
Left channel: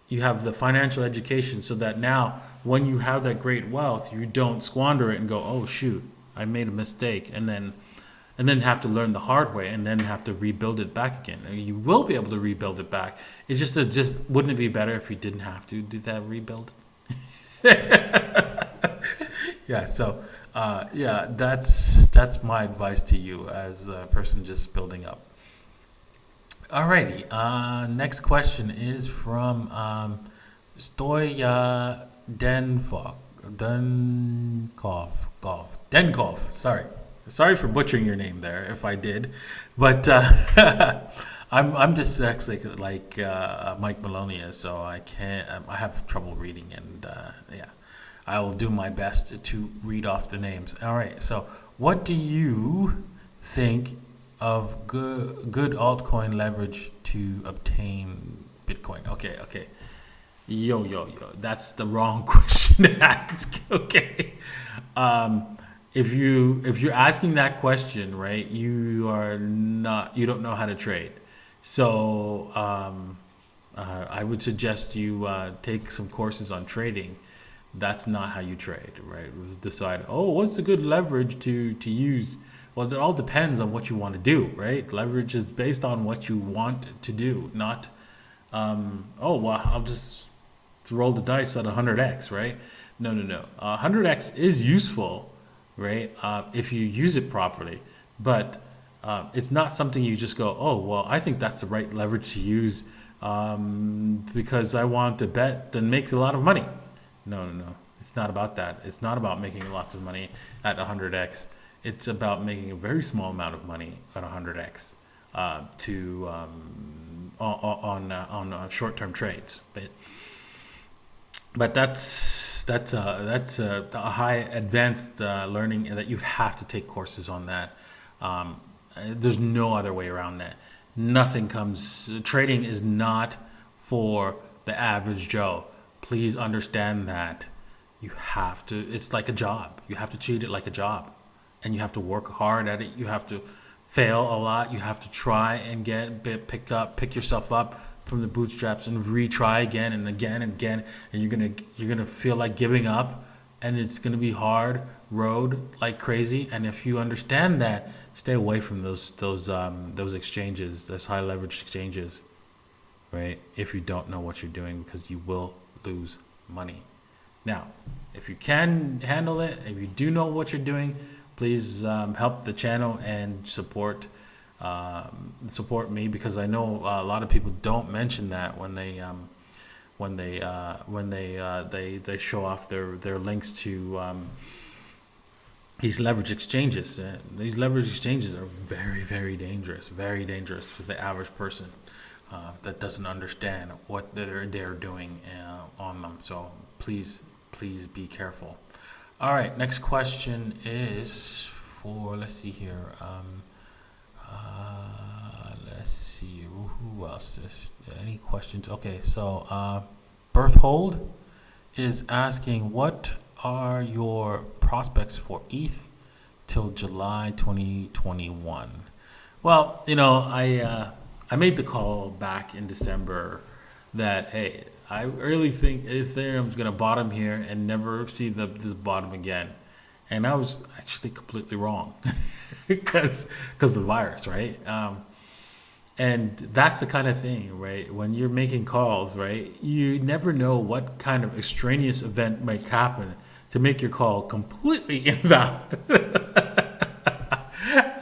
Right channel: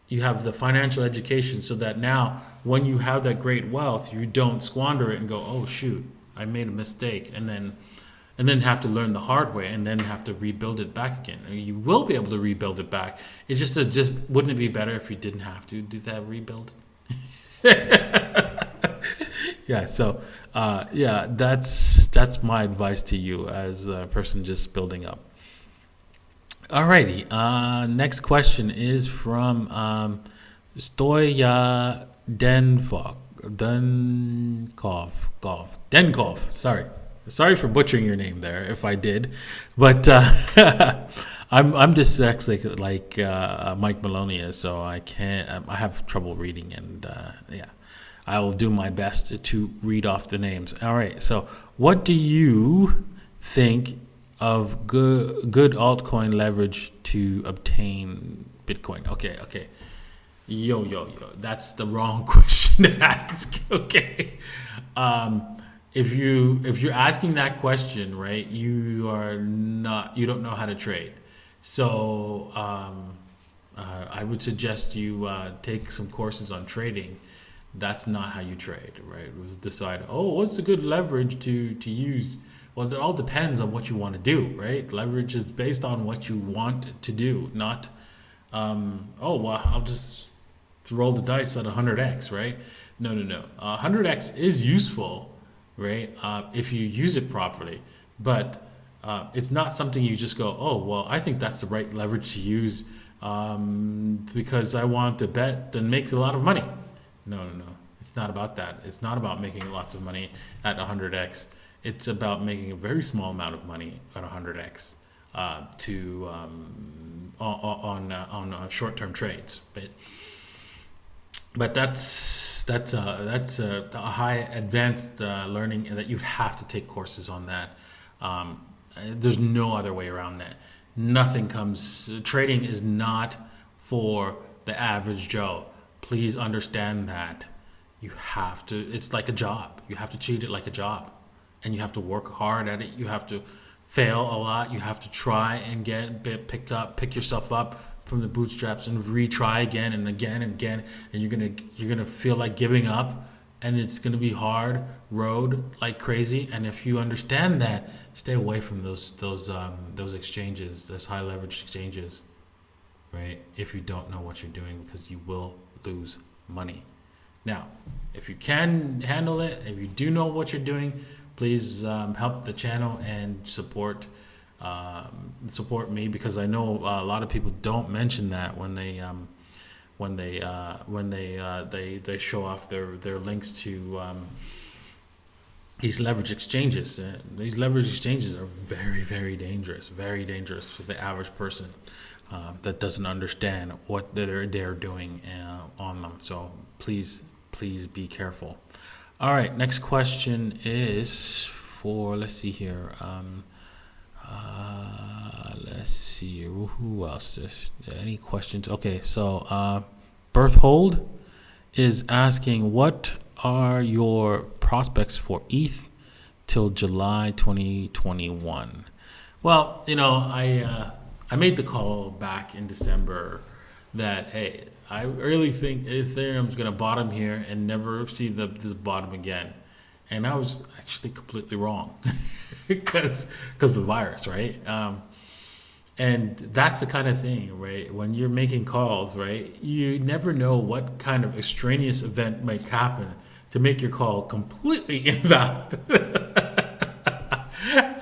You have the financial education so that now when you have that great wealth, you don't squander it and go, oh shoot, I made a mistake, and then have to learn the hard way and then have to rebuild it back again. You will be able to rebuild it back. It's just wouldn't it be better if you didn't have to do that rebuild? Yeah, so that's my advice to you as a person just building up. Alrighty, next question is from Stoya Denkov. Sorry for butchering your name there if I did, but I'm dyslexic like Mike Maloney is, so I have trouble reading, and I will do my best to read off the names. All right, so what do you think of good altcoin leverage to obtain Bitcoin? Okay. Yo. That's the wrong question to ask. Okay. If you're asking that question, right, you don't know how to trade. So I would suggest you take some courses on trading. That's not how you trade, right? It was decide, what's a good leverage to use? Well, it all depends on what you want to do, right? Leverage is based on what you want to do, not, I'll just roll the dice at 100x, right? No. 100x is useful, right? If you use it properly, but it's not something you just go, I think that's the right leverage to use because I want to bet then make a lot of money. No. It's not about that. It's not about making lots of money at 100x. It's about making a very small amount of money at 100x on short-term trades. But that's a high advanced learning that you have to take courses on that. There's no other way around that. Trading is not for the average Joe. Please understand that. It's like a job. You have to treat it like a job. And you have to work hard at it. You have to fail a lot. You have to try and pick yourself up from the bootstraps and retry again and again and again. And you're gonna feel like giving up, and it's gonna be hard road like crazy. And if you understand that, stay away from those exchanges, those high leverage exchanges, right? If you don't know what you're doing, because you will lose money. Now, if you can handle it, if you do know what you're doing, please help the channel and support me, because I know a lot of people don't mention that when they show off their links to these leverage exchanges. These leverage exchanges are very, very dangerous for the average person that doesn't understand what they're doing on them. So please be careful. All right, next question is for, let's see here. Let's see, who else? Any questions? Okay, so Berthold is asking, what are your prospects for ETH till July 2021? Well, I made the call back in December that, hey, I really think Ethereum's going to bottom here and never see this bottom again. And I was actually completely wrong because of the virus, right? And that's the kind of thing, right? When you're making calls, right, you never know what kind of extraneous event might happen to make your call completely invalid.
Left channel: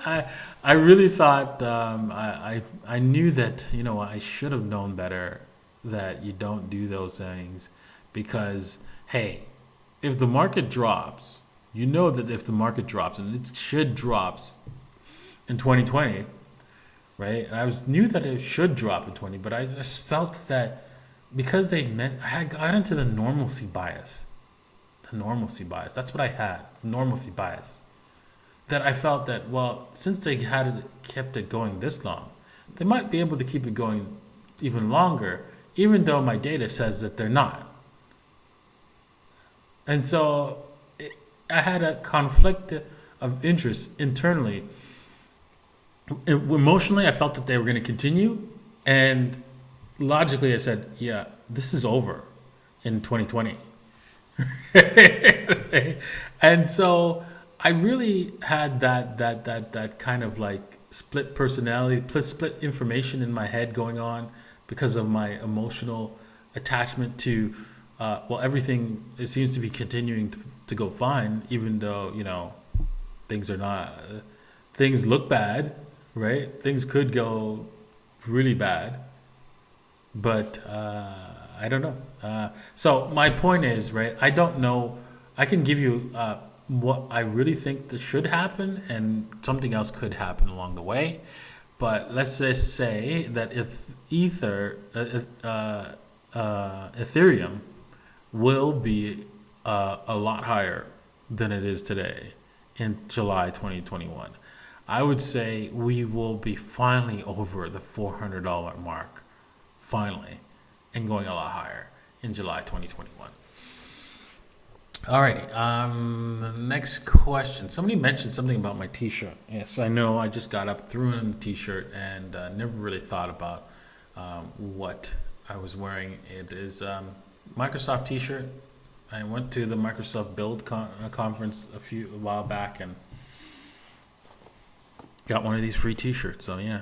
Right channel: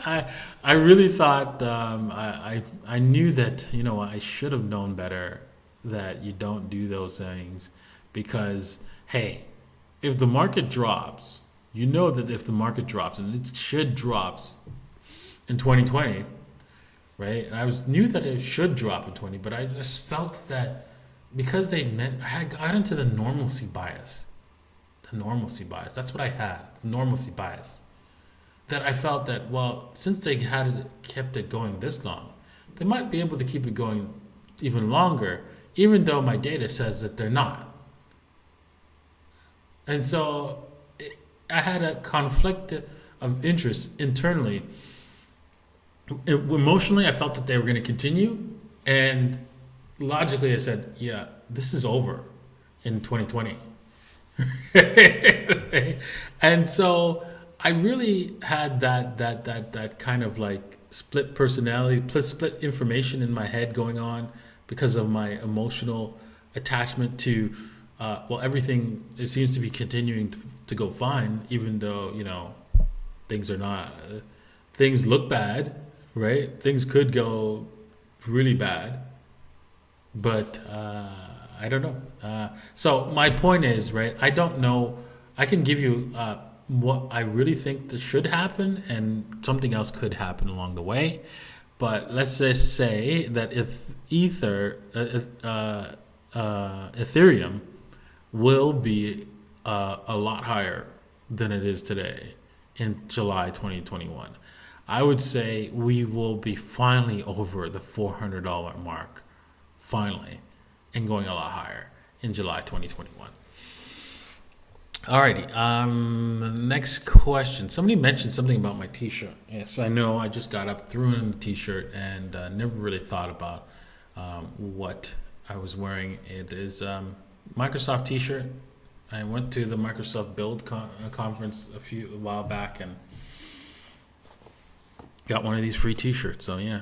I really thought I knew that I should have known better that you don't do those things because, hey, if the market drops, that if the market drops, and it should drops in 2020, right? And knew that it should drop in 20, but I just felt that because I had got into the normalcy bias. The normalcy bias. That's what I had. Normalcy bias. That I felt that, well, since they kept it going this long, they might be able to keep it going even longer, even though my data says that they're not. And so I had a conflict of interest internally. Emotionally, I felt that they were going to continue, and logically, I said, "Yeah, this is over in 2020." And so I really had that kind of like split personality, split information in my head going on because of my emotional attachment to everything. It seems to be continuing to go fine, even though things are not. Things look bad, right? Things could go really bad, but I don't know. So my point is, right? I don't know. I can give you what I really think that should happen, and something else could happen along the way. But let's just say that if Ethereum will be a lot higher than it is today in July 2021. I would say we will be finally over the $400 mark, finally, and going a lot higher in July 2021. Alrighty, next question. Somebody mentioned something about my t-shirt. Yes, I know, I just got up, threw in the t-shirt, and never really thought about what I was wearing. It is Microsoft t-shirt. I went to the Microsoft Build conference a while back and got one of these free t-shirts. So yeah,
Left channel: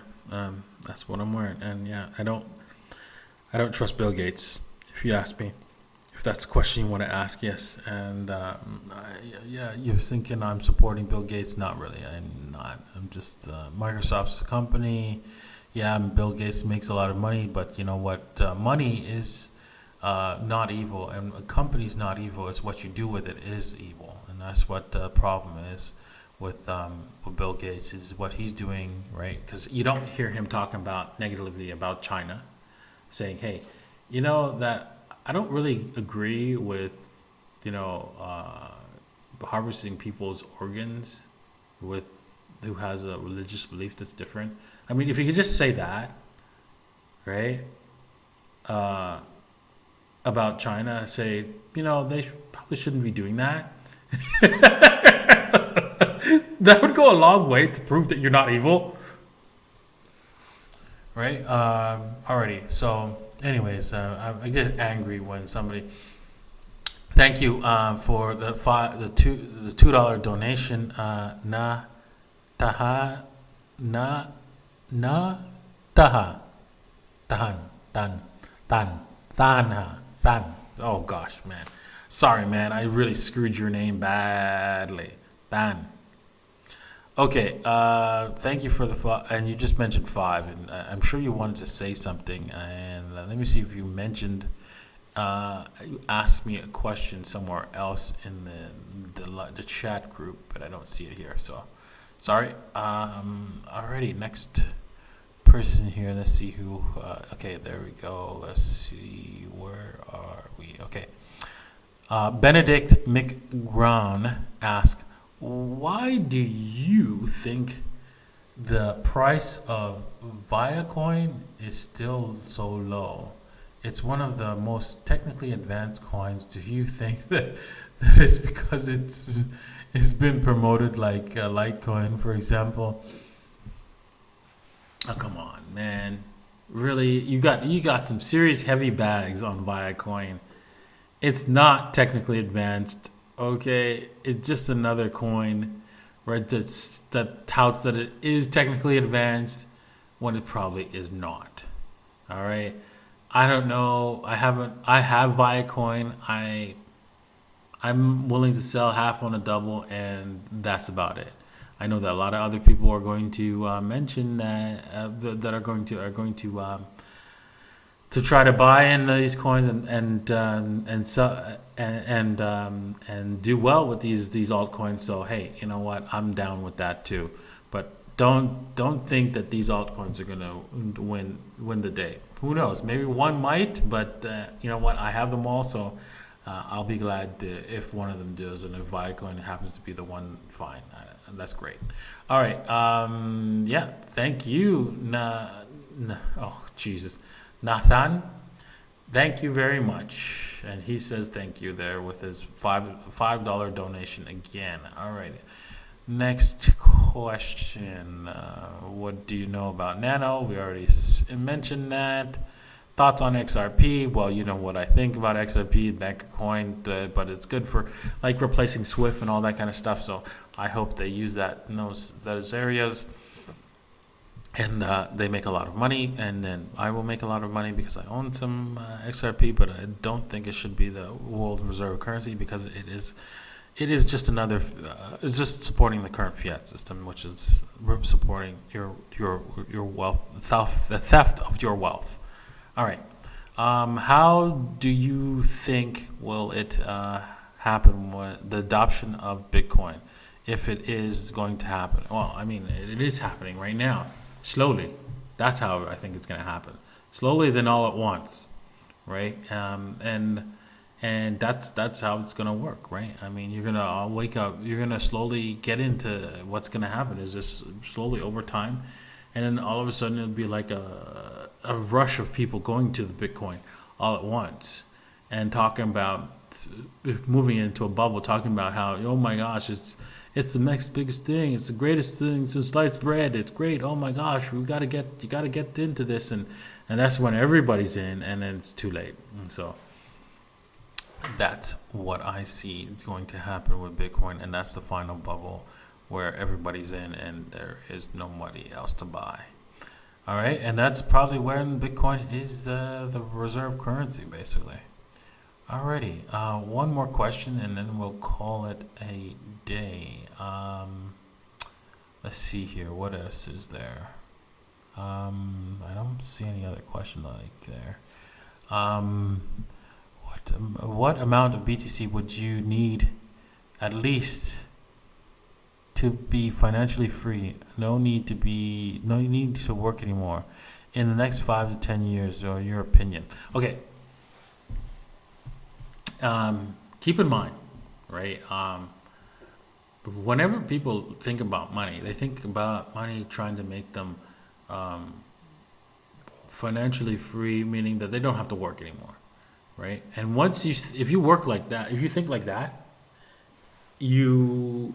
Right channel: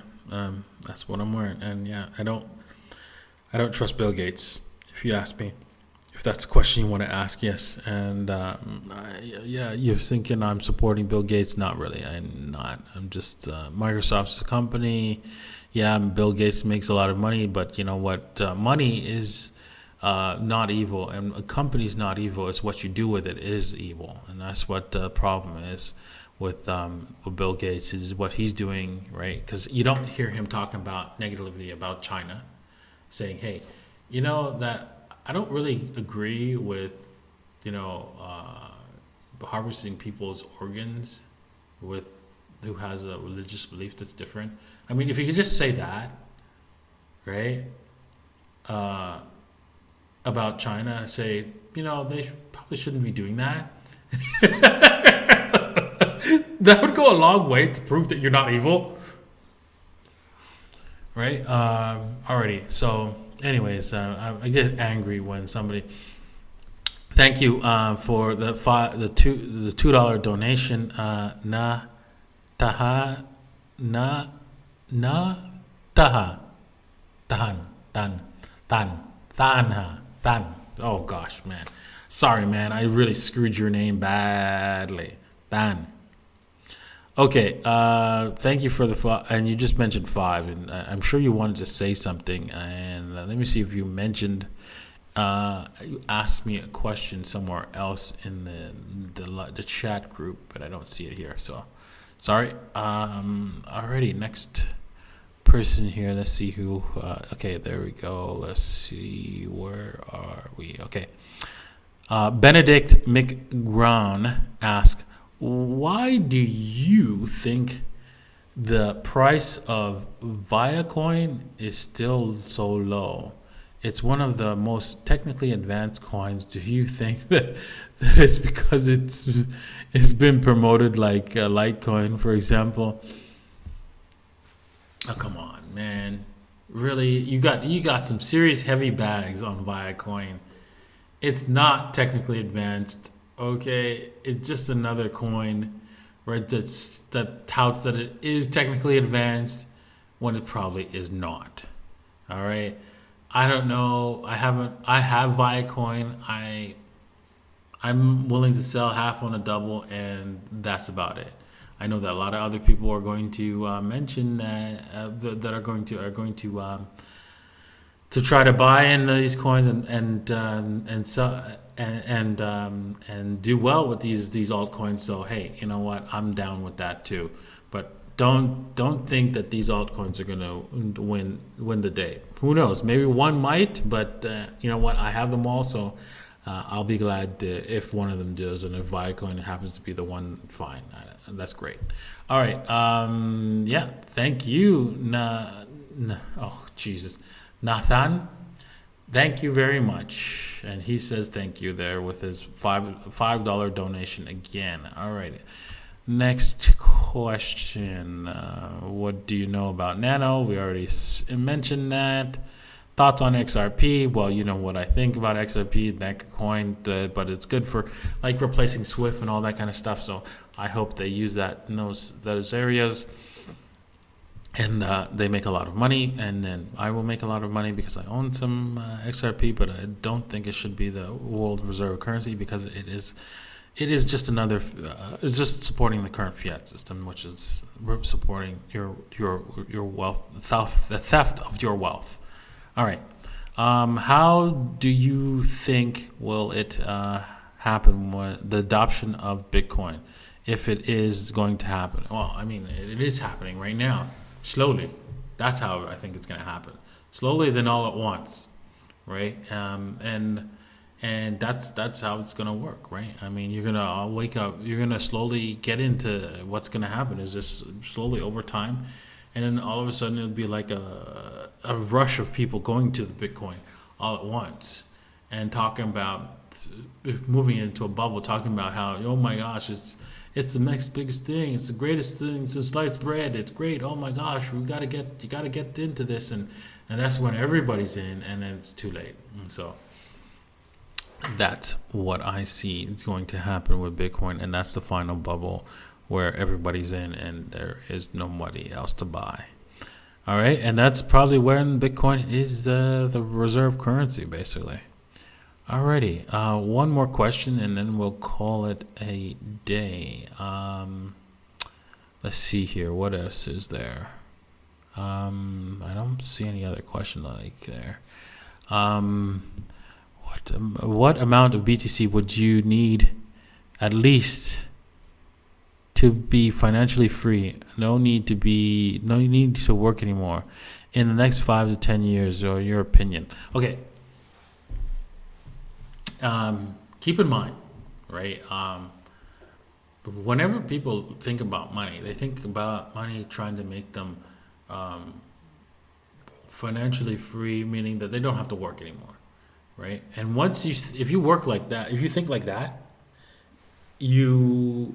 that's what I'm wearing. And yeah, I don't trust Bill Gates, if you ask me. If that's the question you want to ask, yes. And yeah, you're thinking I'm supporting Bill Gates. Not really. I'm not. I'm just Microsoft's a company. Yeah, Bill Gates makes a lot of money, but you know what? Money is not evil, and a company's not evil. It's what you do with it is evil, and that's what the problem is with Bill Gates, is what he's doing, right? Because you don't hear him talking about negatively about China, saying, "Hey, that I don't really agree with, harvesting people's organs with who has a religious belief that's different." I mean, if you could just say that, right? About China, say, they probably shouldn't be doing that. That would go a long way to prove that you're not evil, right? Alrighty. So, anyways, I get angry when somebody. Thank you for the $2 donation. Na taha na taha tan. Oh gosh, man. Sorry, man. I really screwed your name badly. Tan. Okay. Thank you for the and you just mentioned 5, and I'm sure you wanted to say something. And let me see if you mentioned. You asked me a question somewhere else in the chat group, but I don't see it here. So, sorry. Alrighty, next person here. Let's see who. Okay, there we go. Let's see, where are we? Okay. Benedict McGrawn asks, why do you think the price of Viacoin is still so low? It's one of the most technically advanced coins. Do you think that it's because it's been promoted like Litecoin, for example? Oh, come on, man. Really, you got some serious heavy bags on Viacoin. It's not technically advanced. Okay, it's just another coin, right? That touts that it is technically advanced when it probably is not. All right. I don't know. I haven't. I have Viacoin. I'm willing to sell half on a double, and that's about it. I know that a lot of other people are going to mention that that are going to try to buy in these coins and sell and do well with these altcoins. So hey, you know what? I'm down with that too. But don't think that these altcoins are gonna win the day. Who knows? Maybe one might, but you know what? I have them all, so I'll be glad if one of them does, and if Viacoin happens to be the one, fine. That's great. All right. Yeah. Thank you. Oh Jesus. Nathan, thank you very much. And he says thank you there with his $5 donation again. All right. Next question. What do you know about Nano? We already mentioned that. Thoughts on XRP? Well, you know what I think about XRP, Bank Coin, but it's good for like replacing Swift and all that kind of stuff. So I hope they use that in those areas. And they make a lot of money, and then I will make a lot of money because I own some XRP, but I don't think it should be the world reserve currency because it is just another. It's just supporting the current fiat system, which is supporting your wealth, the theft of your wealth. All right. How do you think will it happen with the adoption of Bitcoin, if it is going to happen? Well, I mean, it is happening right now. Slowly. That's how I think it's going to happen. Slowly, then all at once, right? And that's how it's going to work, right? I mean, you're going to wake up. You're going to slowly get into what's going to happen. Is just slowly over time, and then all of a sudden it'll be like a rush of people going to the Bitcoin all at once and talking about moving into a bubble, talking about how, oh my gosh, it's the next biggest thing. It's the greatest thing since sliced bread. It's great. Oh my gosh, you got to get into this, and that's when everybody's in, and then it's too late. And so that's what I see is going to happen with Bitcoin, and that's the final bubble where everybody's in, and there is nobody else to buy. All right, and that's probably when Bitcoin is the reserve currency, basically. Alrighty, one more question and then we'll call it a day. Let's see here. What else is there? I don't see any other question like there. What amount of BTC would you need at least to be financially free? No need to work anymore in the next 5 to 10 years, or your opinion? Okay. Keep in mind, right? Whenever people think about money, they think about money trying to make them financially free, meaning that they don't have to work anymore, right? And if you work like that, if you think like that, you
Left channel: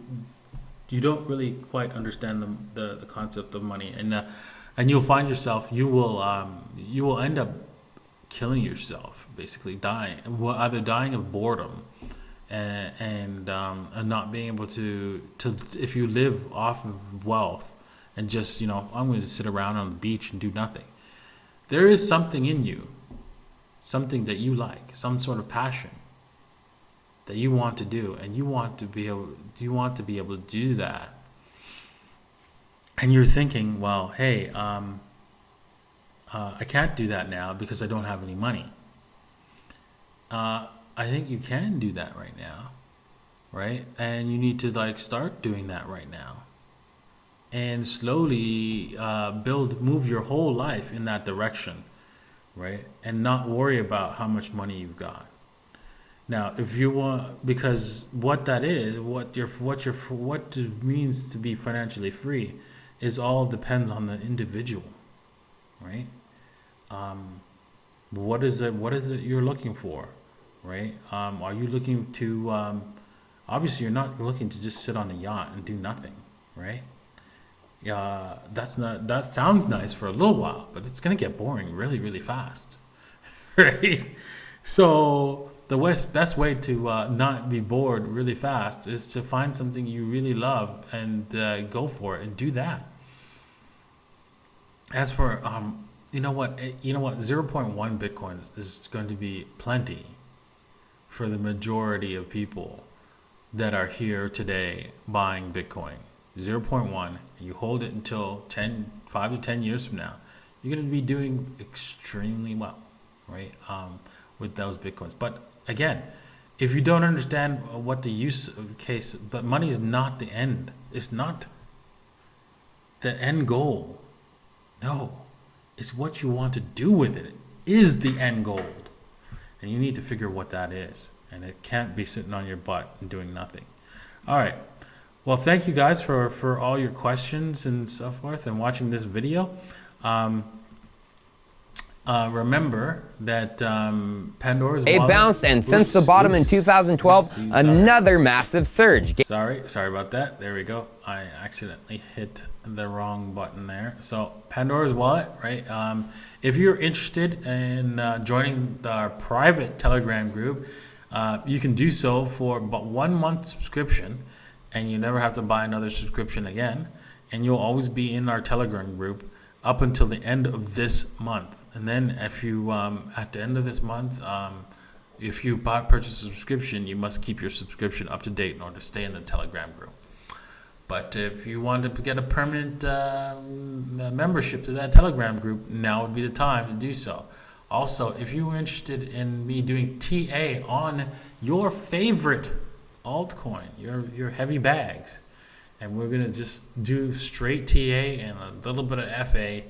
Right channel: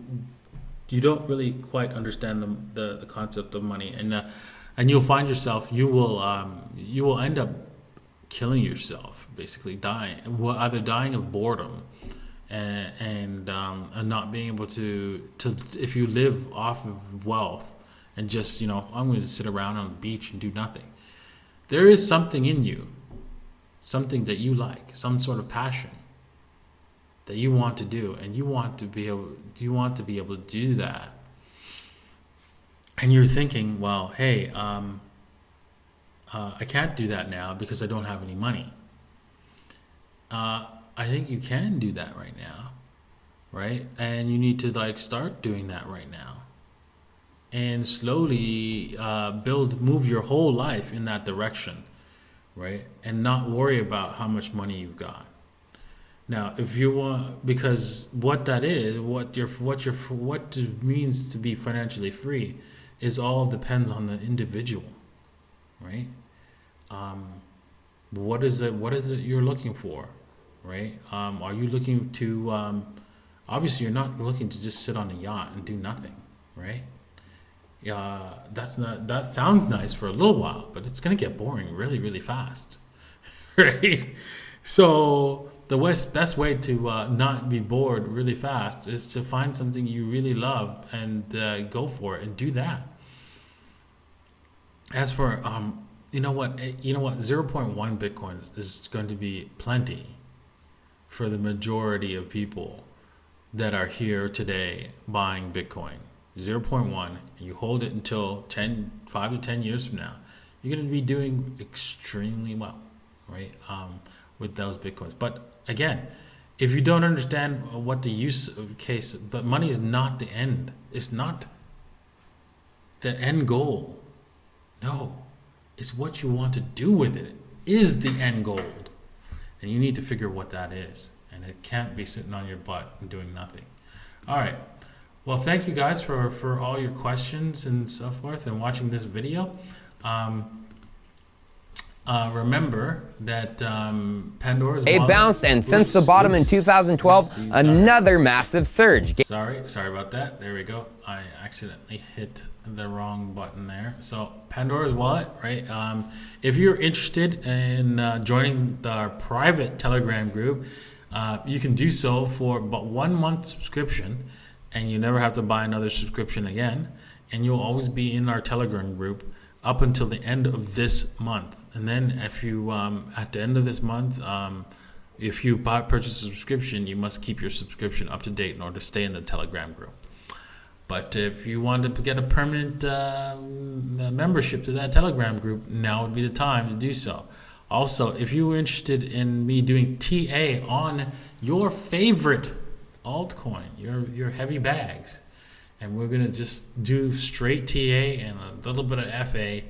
don't really quite understand the concept of money, and you'll find yourself you will end up killing yourself, basically dying, either dying of boredom and not being able to if you live off of wealth and just I'm going to sit around on the beach and do nothing. There is something in you, something that you like, some sort of passion that you want to do, and you want to be able to do that, and you're thinking, well, hey, I can't do that now because I don't have any money. I think you can do that right now, right? And you need to start doing that right now, and slowly move your whole life in that direction, right? And not worry about how much money you've got. Now, if you want, because what that is, what it means to be financially free, is all depends on the individual, right? Um, what is it? What is it you're looking for, right? Are you looking to? Obviously, you're not looking to just sit on a yacht and do nothing, right? Yeah, that's not. That sounds nice for a little while, but it's gonna get boring really, really fast, right? So the best way to not be bored really fast is to find something you really love and go for it and do that. As for you know what, 0.1 Bitcoin is going to be plenty for the majority of people that are here today buying Bitcoin. 0.1, and you hold it until 5 to 10 years from now, you're going to be doing extremely well, right? With those Bitcoins. But again, if you don't understand what the use case, but money is not the end. It's not the end goal. No, it's what you want to do with it is the end goal. And you need to figure what that is. And it can't be sitting on your butt and doing nothing. All right. Well, thank you guys for all your questions and so forth and watching this video. Remember that Pandora's It wallet bounced, and since the bottom in 2012, another massive surge. Sorry about that. There we go. I accidentally hit the wrong button there. So Pandora's wallet, right? If you're interested in joining our private Telegram group, you can do so for but 1 month subscription, and you never have to buy another subscription again. And you'll always be in our Telegram group up until the end of this month. And then if you, at the end of this month, if you purchase a subscription, you must keep your subscription up to date in order to stay in the Telegram group. But if you want to get a permanent membership to that Telegram group, now would be the time to do so. Also, if you were interested in me doing TA on your favorite altcoin, your heavy bags, and we're going to just do straight TA and a little bit of FA,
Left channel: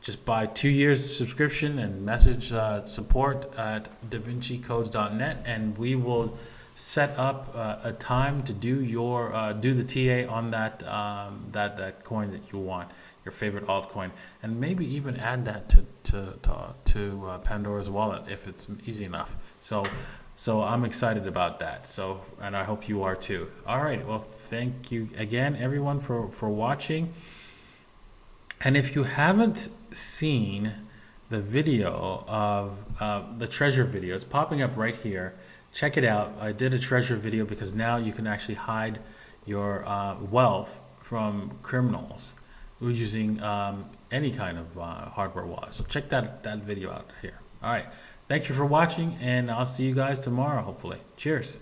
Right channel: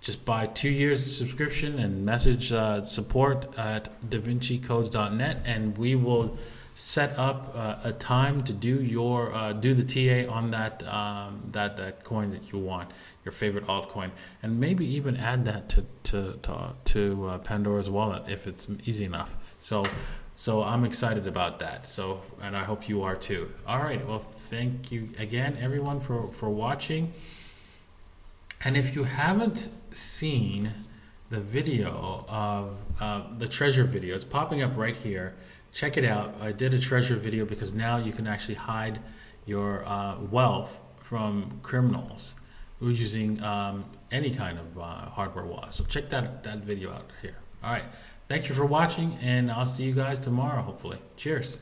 just buy 2 years subscription and message support at davincicodes.net, and we will set up a time to do the TA on that coin that you want, your favorite altcoin, and maybe even add that to Pandora's wallet if it's easy enough. So I'm excited about that. So, and I hope you are too. All right. Well, thank you again, everyone, for watching. And if you haven't seen the video of the treasure video, it's popping up right here. Check it out. I did a treasure video because now you can actually hide your wealth from criminals using any kind of hardware wallet. So check that video out here. All right. Thank you for watching, and I'll see you guys tomorrow, hopefully. Cheers.